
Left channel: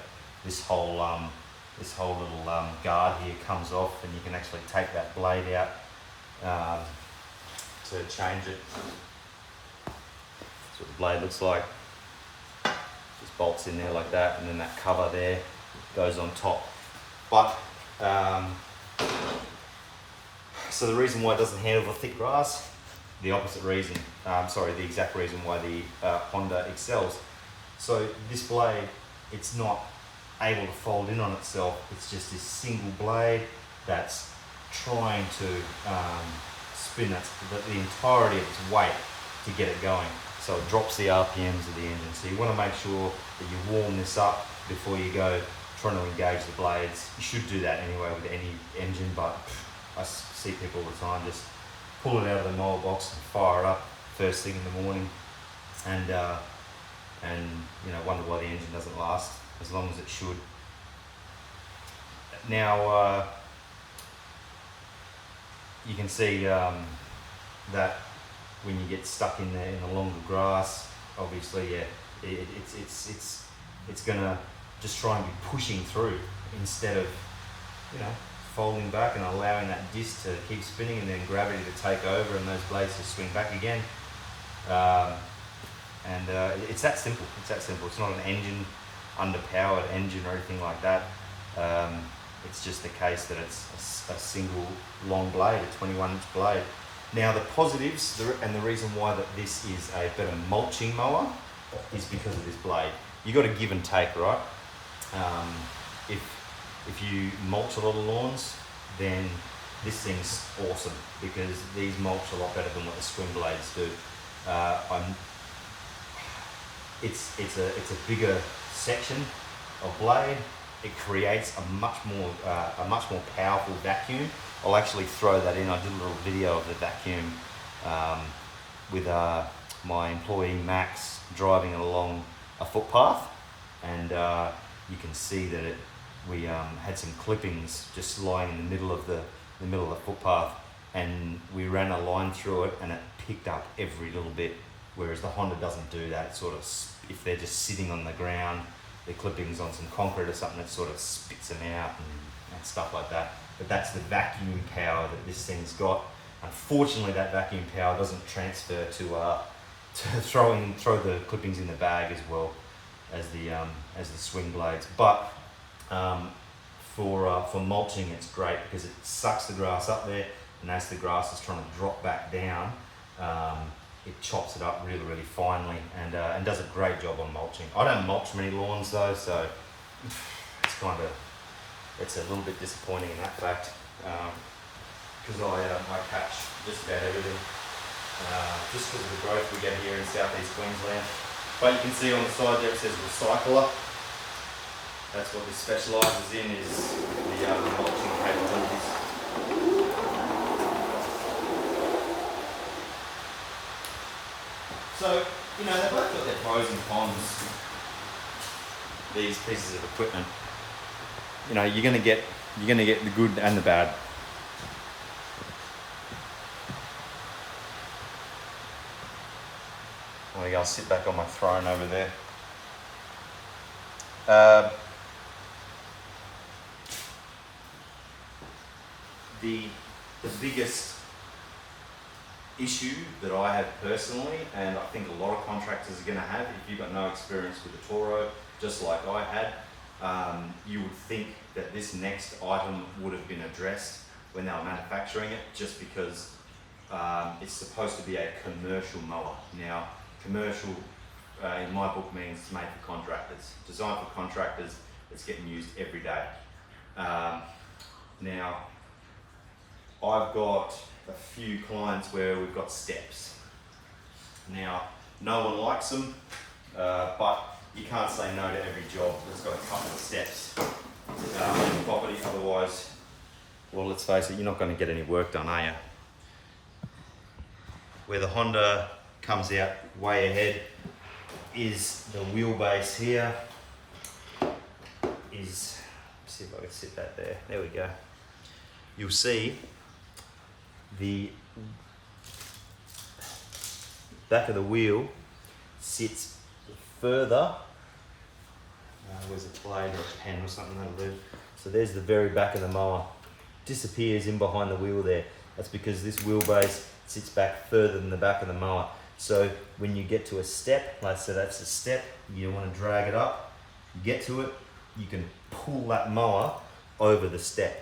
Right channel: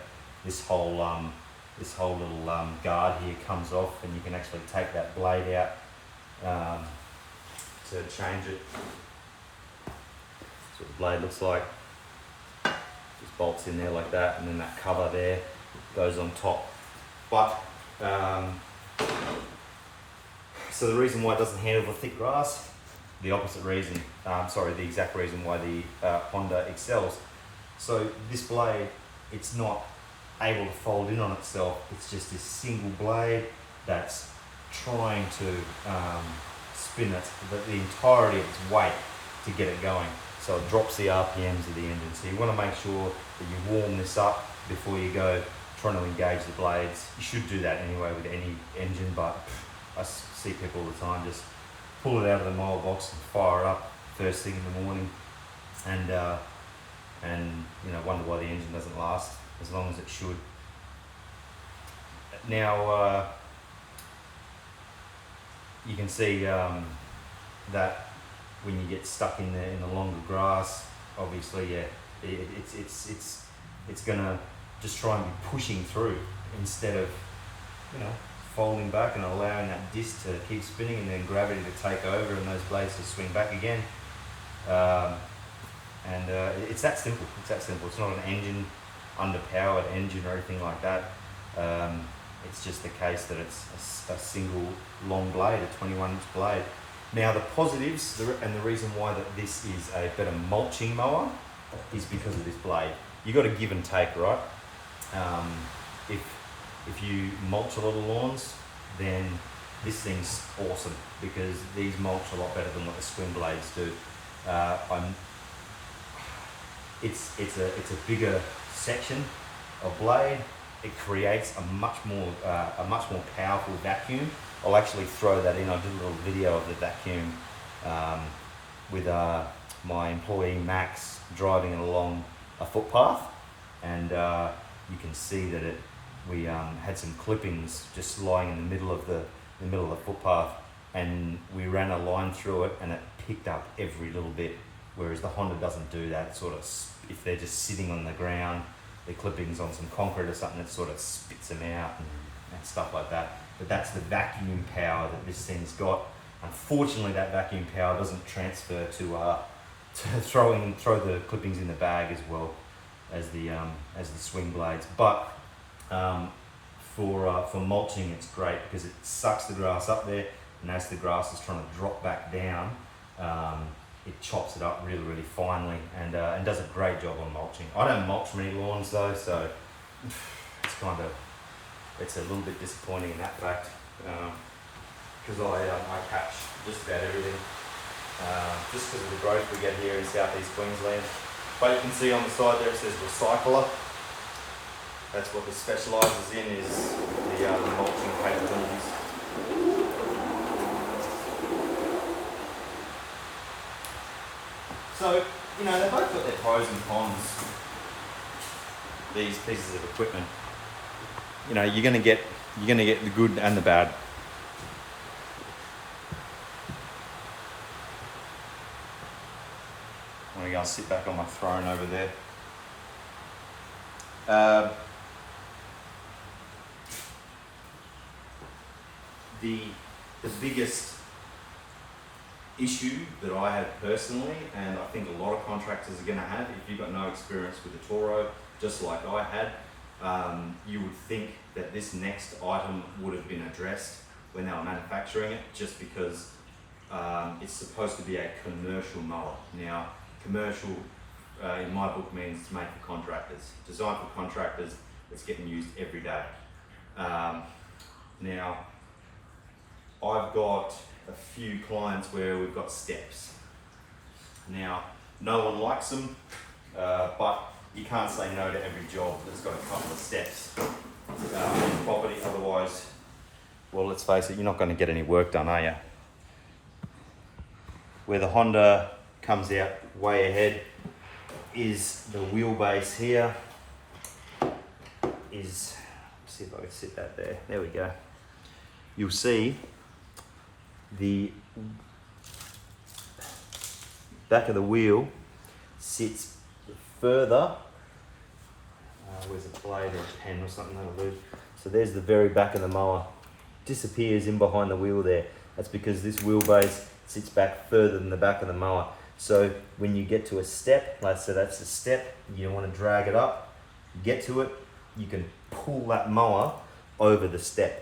This whole little guard here comes off, and you can actually take that blade out to change it. That's what the blade looks like. Just bolts in there like that, and then that cover there goes on top. But so the reason why it doesn't handle the thick grass, the opposite reason, the exact reason why the Honda excels. So this blade, it's not able to fold in on itself. It's just this single blade that's trying to spin the entirety of its weight to get it going. So it drops the RPMs of the engine. So you want to make sure that you warm this up before you go trying to engage the blades. You should do that anyway with any engine, but I see people all the time just pull it out of the mower box and fire it up first thing in the morning, and wonder why the engine doesn't last as long as it should. Now you can see that when you get stuck in the longer grass, obviously, it's gonna just try and be pushing through instead of folding back and allowing that disc to keep spinning and then gravity to take over and those blades to swing back again. It's that simple. It's that simple. It's not an engine, underpowered engine or anything like that. It's just the case that it's a single long blade, a 21-inch blade. Now the positives and the reason why that this is a better mulching mower is because of this blade. You got to give and take, right? If you mulch a lot of lawns, then this thing's awesome because these mulch a lot better than what the swing blades do. It's a bigger section of blade. It creates a much more powerful vacuum. I'll actually throw that in. I did a little video of the vacuum with my employee Max driving it along a footpath, and you can see that we had some clippings just lying in the middle of the footpath, and we ran a line through it and it picked up every little bit, whereas the Honda doesn't do that. It sort of, if they're just sitting on the ground, the clippings on some concrete or something, it sort of spits them out and stuff like that. But that's the vacuum power that this thing's got. Unfortunately, that vacuum power doesn't transfer to throw the clippings in the bag as well as the swing blades. But for mulching, it's great because it sucks the grass up there, and as the grass is trying to drop back down, it chops it up really, really finely and does a great job on mulching. I don't mulch many lawns though, so it's a little bit disappointing in that fact, because I catch just about everything, just because of the growth we get here in southeast Queensland. But you can see on the side there it says recycler. That's what this specialises in, is the mulching So, you know, they've both got their pros and cons, these pieces of equipment. You know, you're gonna get the good and the bad. I'm gonna sit back on my throne over there. The biggest issue that I have personally, and I think a lot of contractors are going to have, if you've got no experience with the Toro, just like I had, you would think that this next item would have been addressed when they were manufacturing it, just because it's supposed to be a commercial mower. Now, commercial in my book means it's made for contractors, designed for contractors, it's getting used every day. Now, I've got a few clients where we've got steps. Now, no one likes them, but you can't say no to every job that's got a couple of steps on the property. Otherwise, well, let's face it, you're not going to get any work done, are you? Where the Honda comes out way ahead is the wheelbase here. Let's see if I can sit that there. There we go. You'll see the back of the wheel sits further. Where's a blade or a pen or something that'll do? So there's the very back of the mower. Disappears in behind the wheel there. That's because this wheelbase sits back further than the back of the mower. So when you get to a step, like so that's a step, you don't want to drag it up. You get to it, you can pull that mower over the step.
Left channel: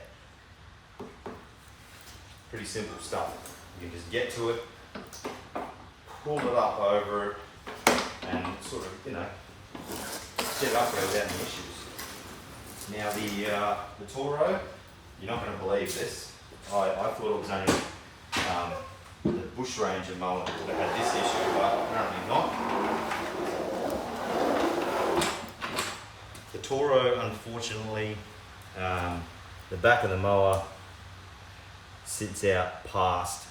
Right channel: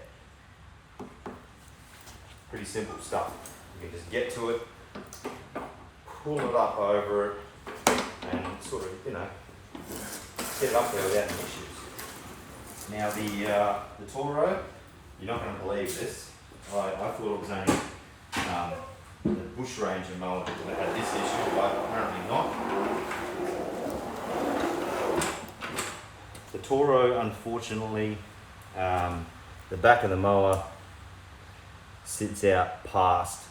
Pretty simple stuff. You can just get to it, pull it up over it, and sort of, you know, get up there without any issues. Now the Toro, you're not going to believe this. I thought it was only the bush ranger mower that would have had this issue, but apparently not. The Toro, unfortunately, the back of the mower sits out past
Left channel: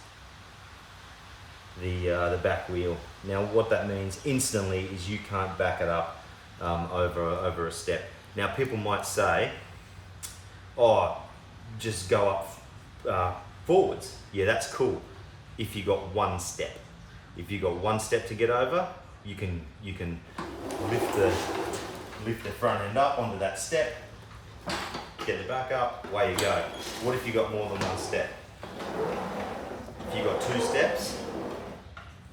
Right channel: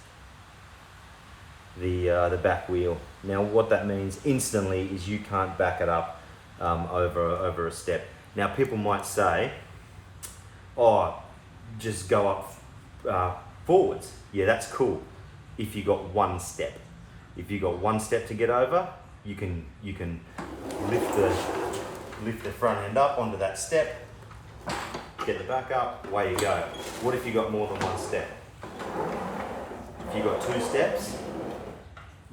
the back wheel. Now what that means instantly is you can't back it up over a step. Now people might say, oh, just go up forwards. Yeah, that's cool if you got one step. If you got one step to get over, you can lift the front end up onto that step, get the back up, away you go. What if you got more than one step? If you got two steps,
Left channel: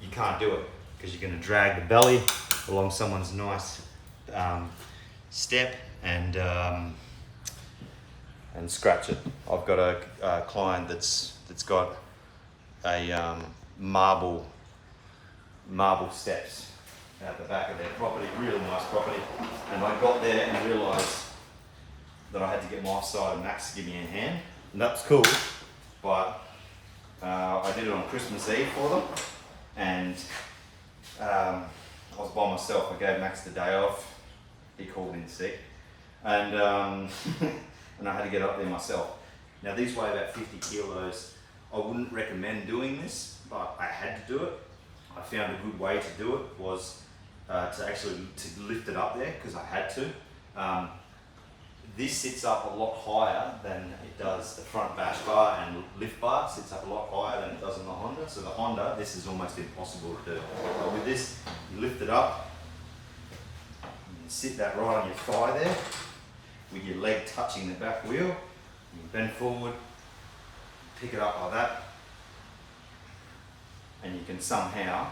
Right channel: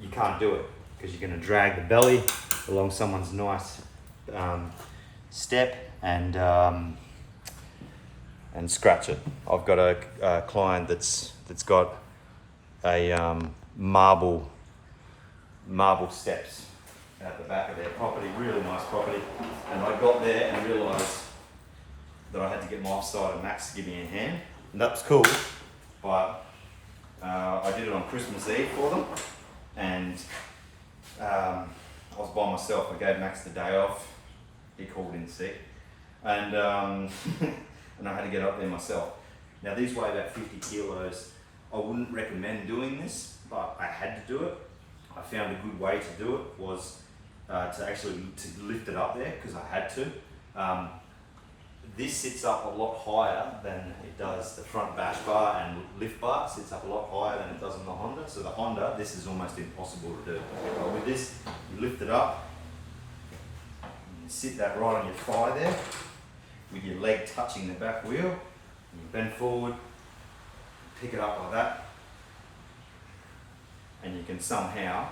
you can't do it because you're going to drag the belly along someone's nice step and scratch it. I've got a client that's got a marble steps at the back of their property, really nice property, and I got there and realised that I had to get my offside and Max to give me a hand, and that was cool, but I did it on Christmas Eve for them, and I was by myself. I gave Max the day off. He called in sick, and and I had to get up there myself. Now these weigh about 50 kilos. I wouldn't recommend doing this, but I had to do it. I found a good way to do it was to lift it up there because I had to. This sits up a lot higher than it does the front bash bar, and lift bar sits up a lot higher than it does on the Honda. So the Honda, this is almost impossible to do. But with this, you lift it up, and you sit that right on your thigh there, with your leg touching the back wheel, and you bend forward, pick it up like that, and you can somehow,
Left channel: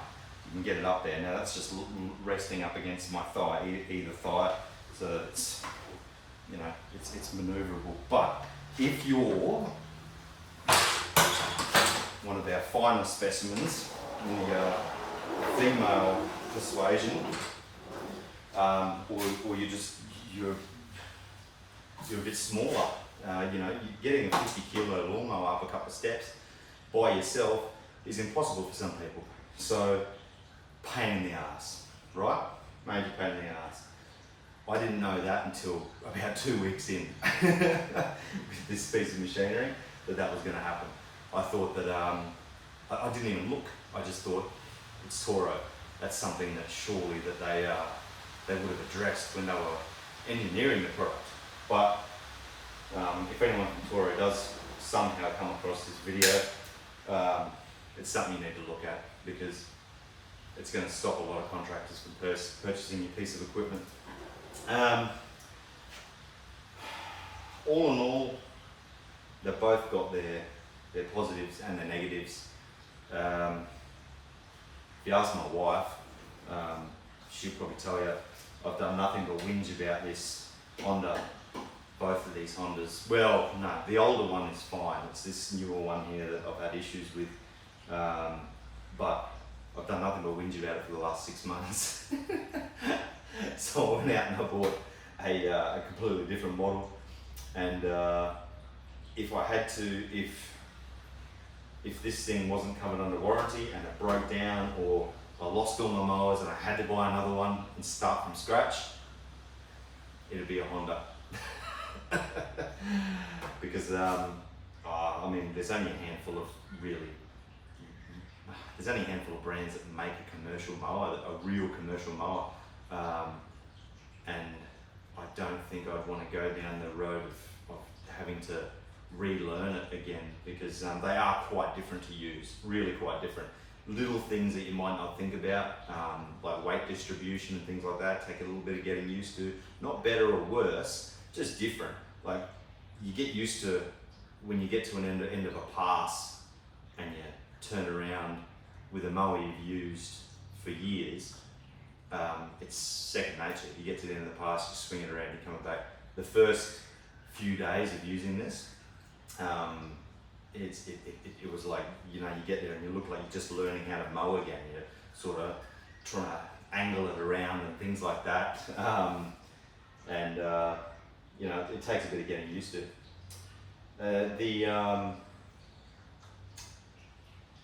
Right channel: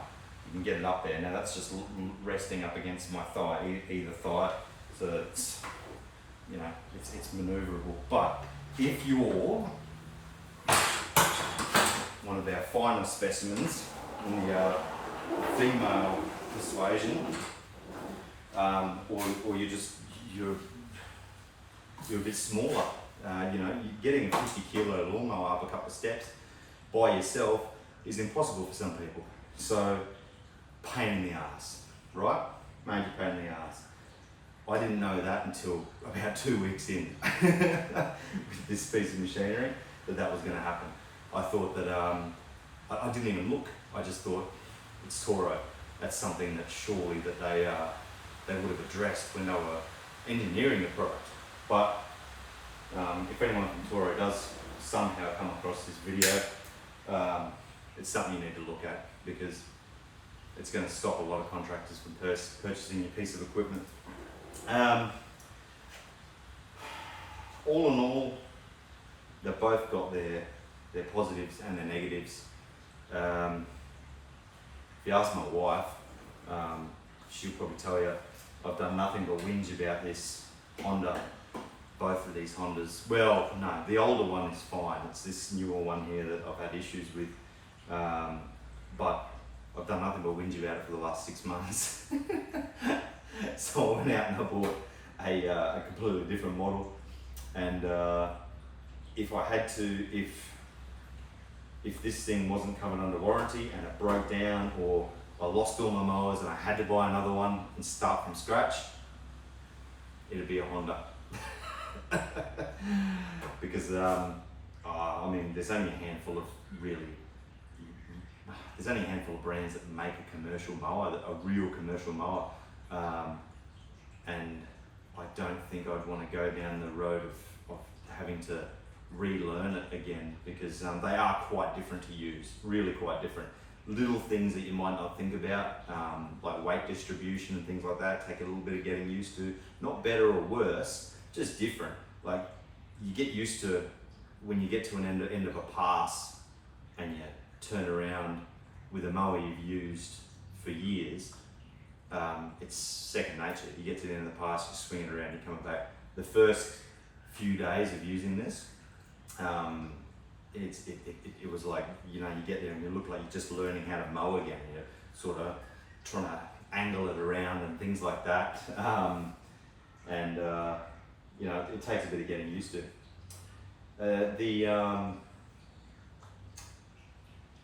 you can get it up there. Now that's just resting up against my thigh, either thigh, so that it's, you know, it's maneuverable. But if you're one of our finer specimens in the female persuasion, or you're a bit smaller, you know, getting a 50 kilo lawnmower up a couple of steps by yourself is impossible for some people. So, pain in the ass, right? Major pain in the ass. I didn't know that until about 2 weeks in with this piece of machinery that was going to happen. I thought that, I didn't even look. I just thought, it's Toro. that's something that surely that they would have addressed when they were engineering the product. But if anyone from Toro does somehow come across this video, it's something you need to look at, because it's going to stop a lot of contractors from purchasing your piece of equipment. All in all, they've both got their positives and their negatives. If you ask my wife, she'll probably tell you I've done nothing but whinge about this Honda, both of these Hondas. Well, no, the older one is fine. It's this newer one here that I've had issues with. But I've done nothing but whinge about it for the last 6 months. So I went out and I bought a completely different model. And if I had to, if this thing wasn't covered under warranty and it broke down, or I lost all my mowers and I had to buy another one and start from scratch, it'd be a Honda. Because I mean, there's only a handful of brands that make a commercial mower, a real commercial mower, and I don't think I'd want to go down the road of having to relearn it again, because they are quite different to use, really quite different. Little things that you might not think about, like weight distribution and things like that, take a little bit of getting used to. Not better or worse, just different. Like, you get used to when you get to an end of a pass and you turn around with a mower you've used for years, it's second nature. You get to the end of the pass, you swing it around, you're coming back. The first few days of using this, it was like, you know, you get there and you look like you're just learning how to mow again. You're sort of trying to angle it around and things like that. You know, it takes a bit of getting used to.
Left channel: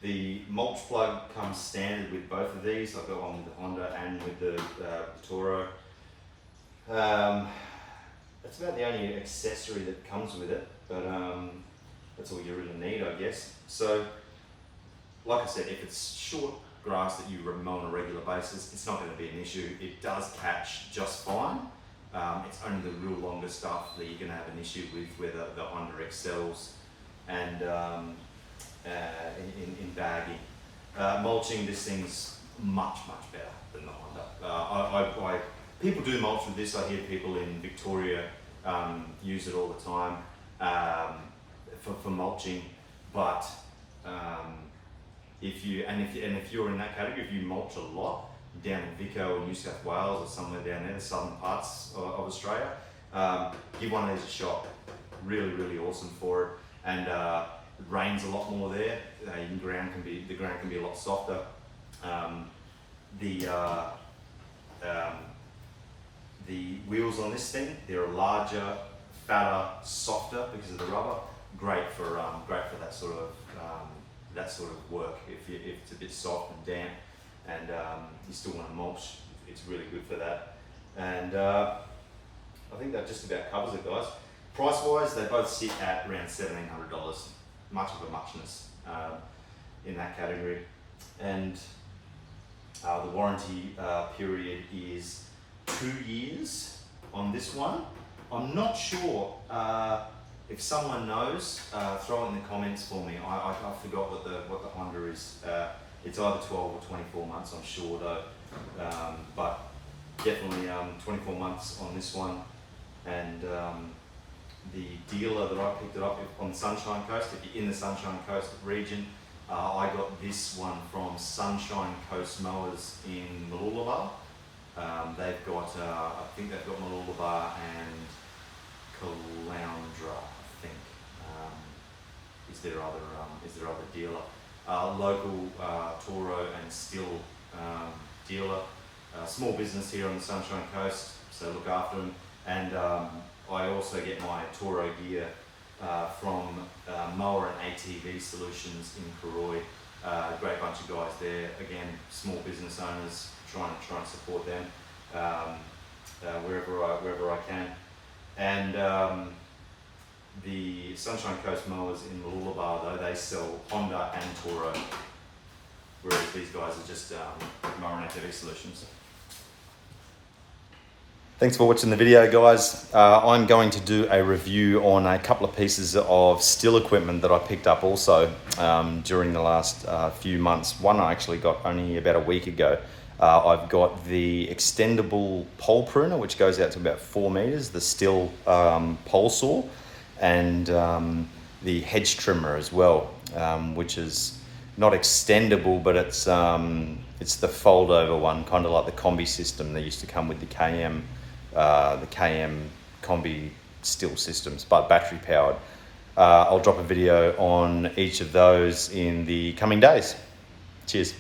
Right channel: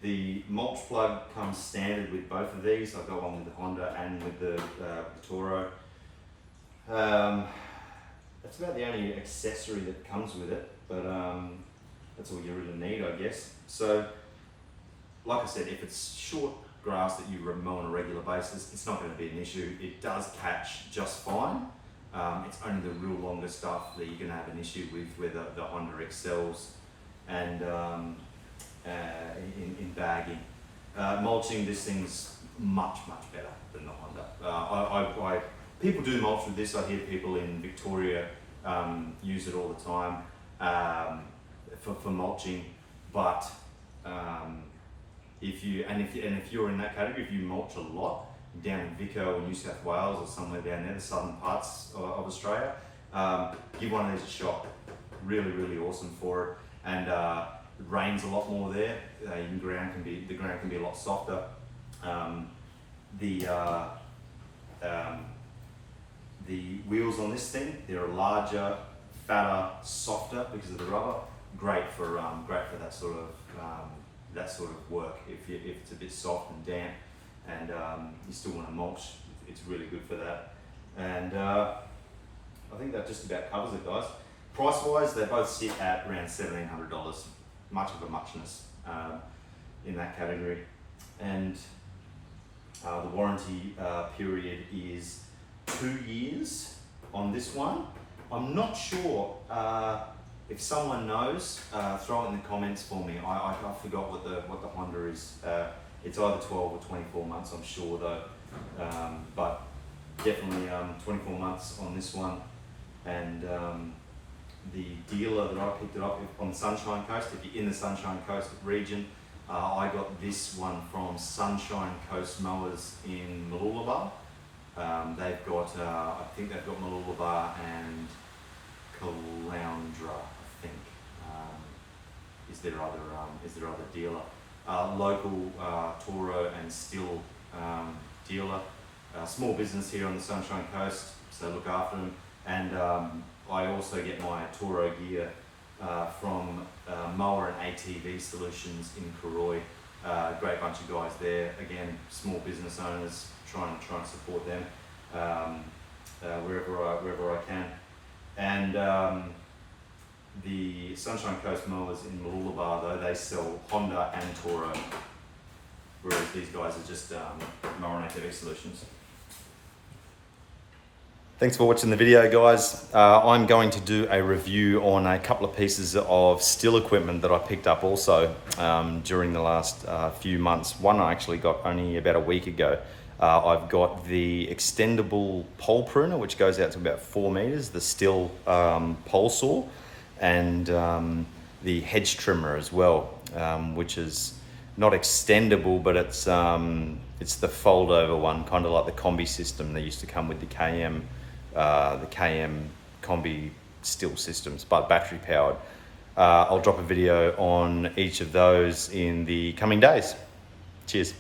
The mulch plug comes standard with both of these. I've got one with the Honda and with the Toro. That's about the only accessory that comes with it, but that's all you really need, I guess. So, like I said, if it's short grass that you mow on a regular basis, it's not going to be an issue. It does catch just fine. It's only the real longer stuff that you're going to have an issue with, where the Honda excels and in bagging. Mulching, this thing's much better than the Honda. People do mulch with this. I hear people in Victoria use it all the time for mulching. But if you're in that category, if you mulch a lot down in Vico or New South Wales or somewhere down there, the southern parts of Australia, give one of these a shot. Really awesome for it. And it rains a lot more there. The ground can be a lot softer. The wheels on this thing, they're larger, fatter, softer because of the rubber. Great for that sort of work. If it's a bit soft and damp, and you still want to mulch, it's really good for that. And I think that just about covers it, guys. Price-wise, they both sit at around $1,700. Much of a muchness in that category. And the warranty period is 2 years on this one. I'm not sure if someone knows. Throw it in the comments for me. I forgot what the Honda is. It's either 12 or 24 months. I'm sure though, but definitely 24 months on this one. And the dealer that I picked it up on the Sunshine Coast, if you're in the Sunshine Coast region, I got this one from Sunshine Coast Mowers in Mulching. They've got, I think they've got Mulching and Caloundra, I think, is their other dealer. Local Toro and Still dealer. Small business here on the Sunshine Coast, so look after them. And I also get my Toro gear from Mower and ATV Solutions in Karoi. Great bunch of guys there. Again, small business owners, trying to support them wherever I can. And the Sunshine Coast Mowers in Mulching, though, they sell Honda and Toro. whereas these guys are just mower and ATV solutions. Thanks for watching the video, guys. I'm going to do a review on a couple of pieces of still equipment that I picked up also during the last few months. One I actually got only about a week ago. I've got the extendable pole pruner, which goes out to about 4 meters, the still pole saw, and the hedge trimmer as well, which is not extendable, but it's the fold over one, kind of like the combi system. They used to come with the KM combi still systems, but battery powered. I'll drop a video on each of those in the coming days. Cheers.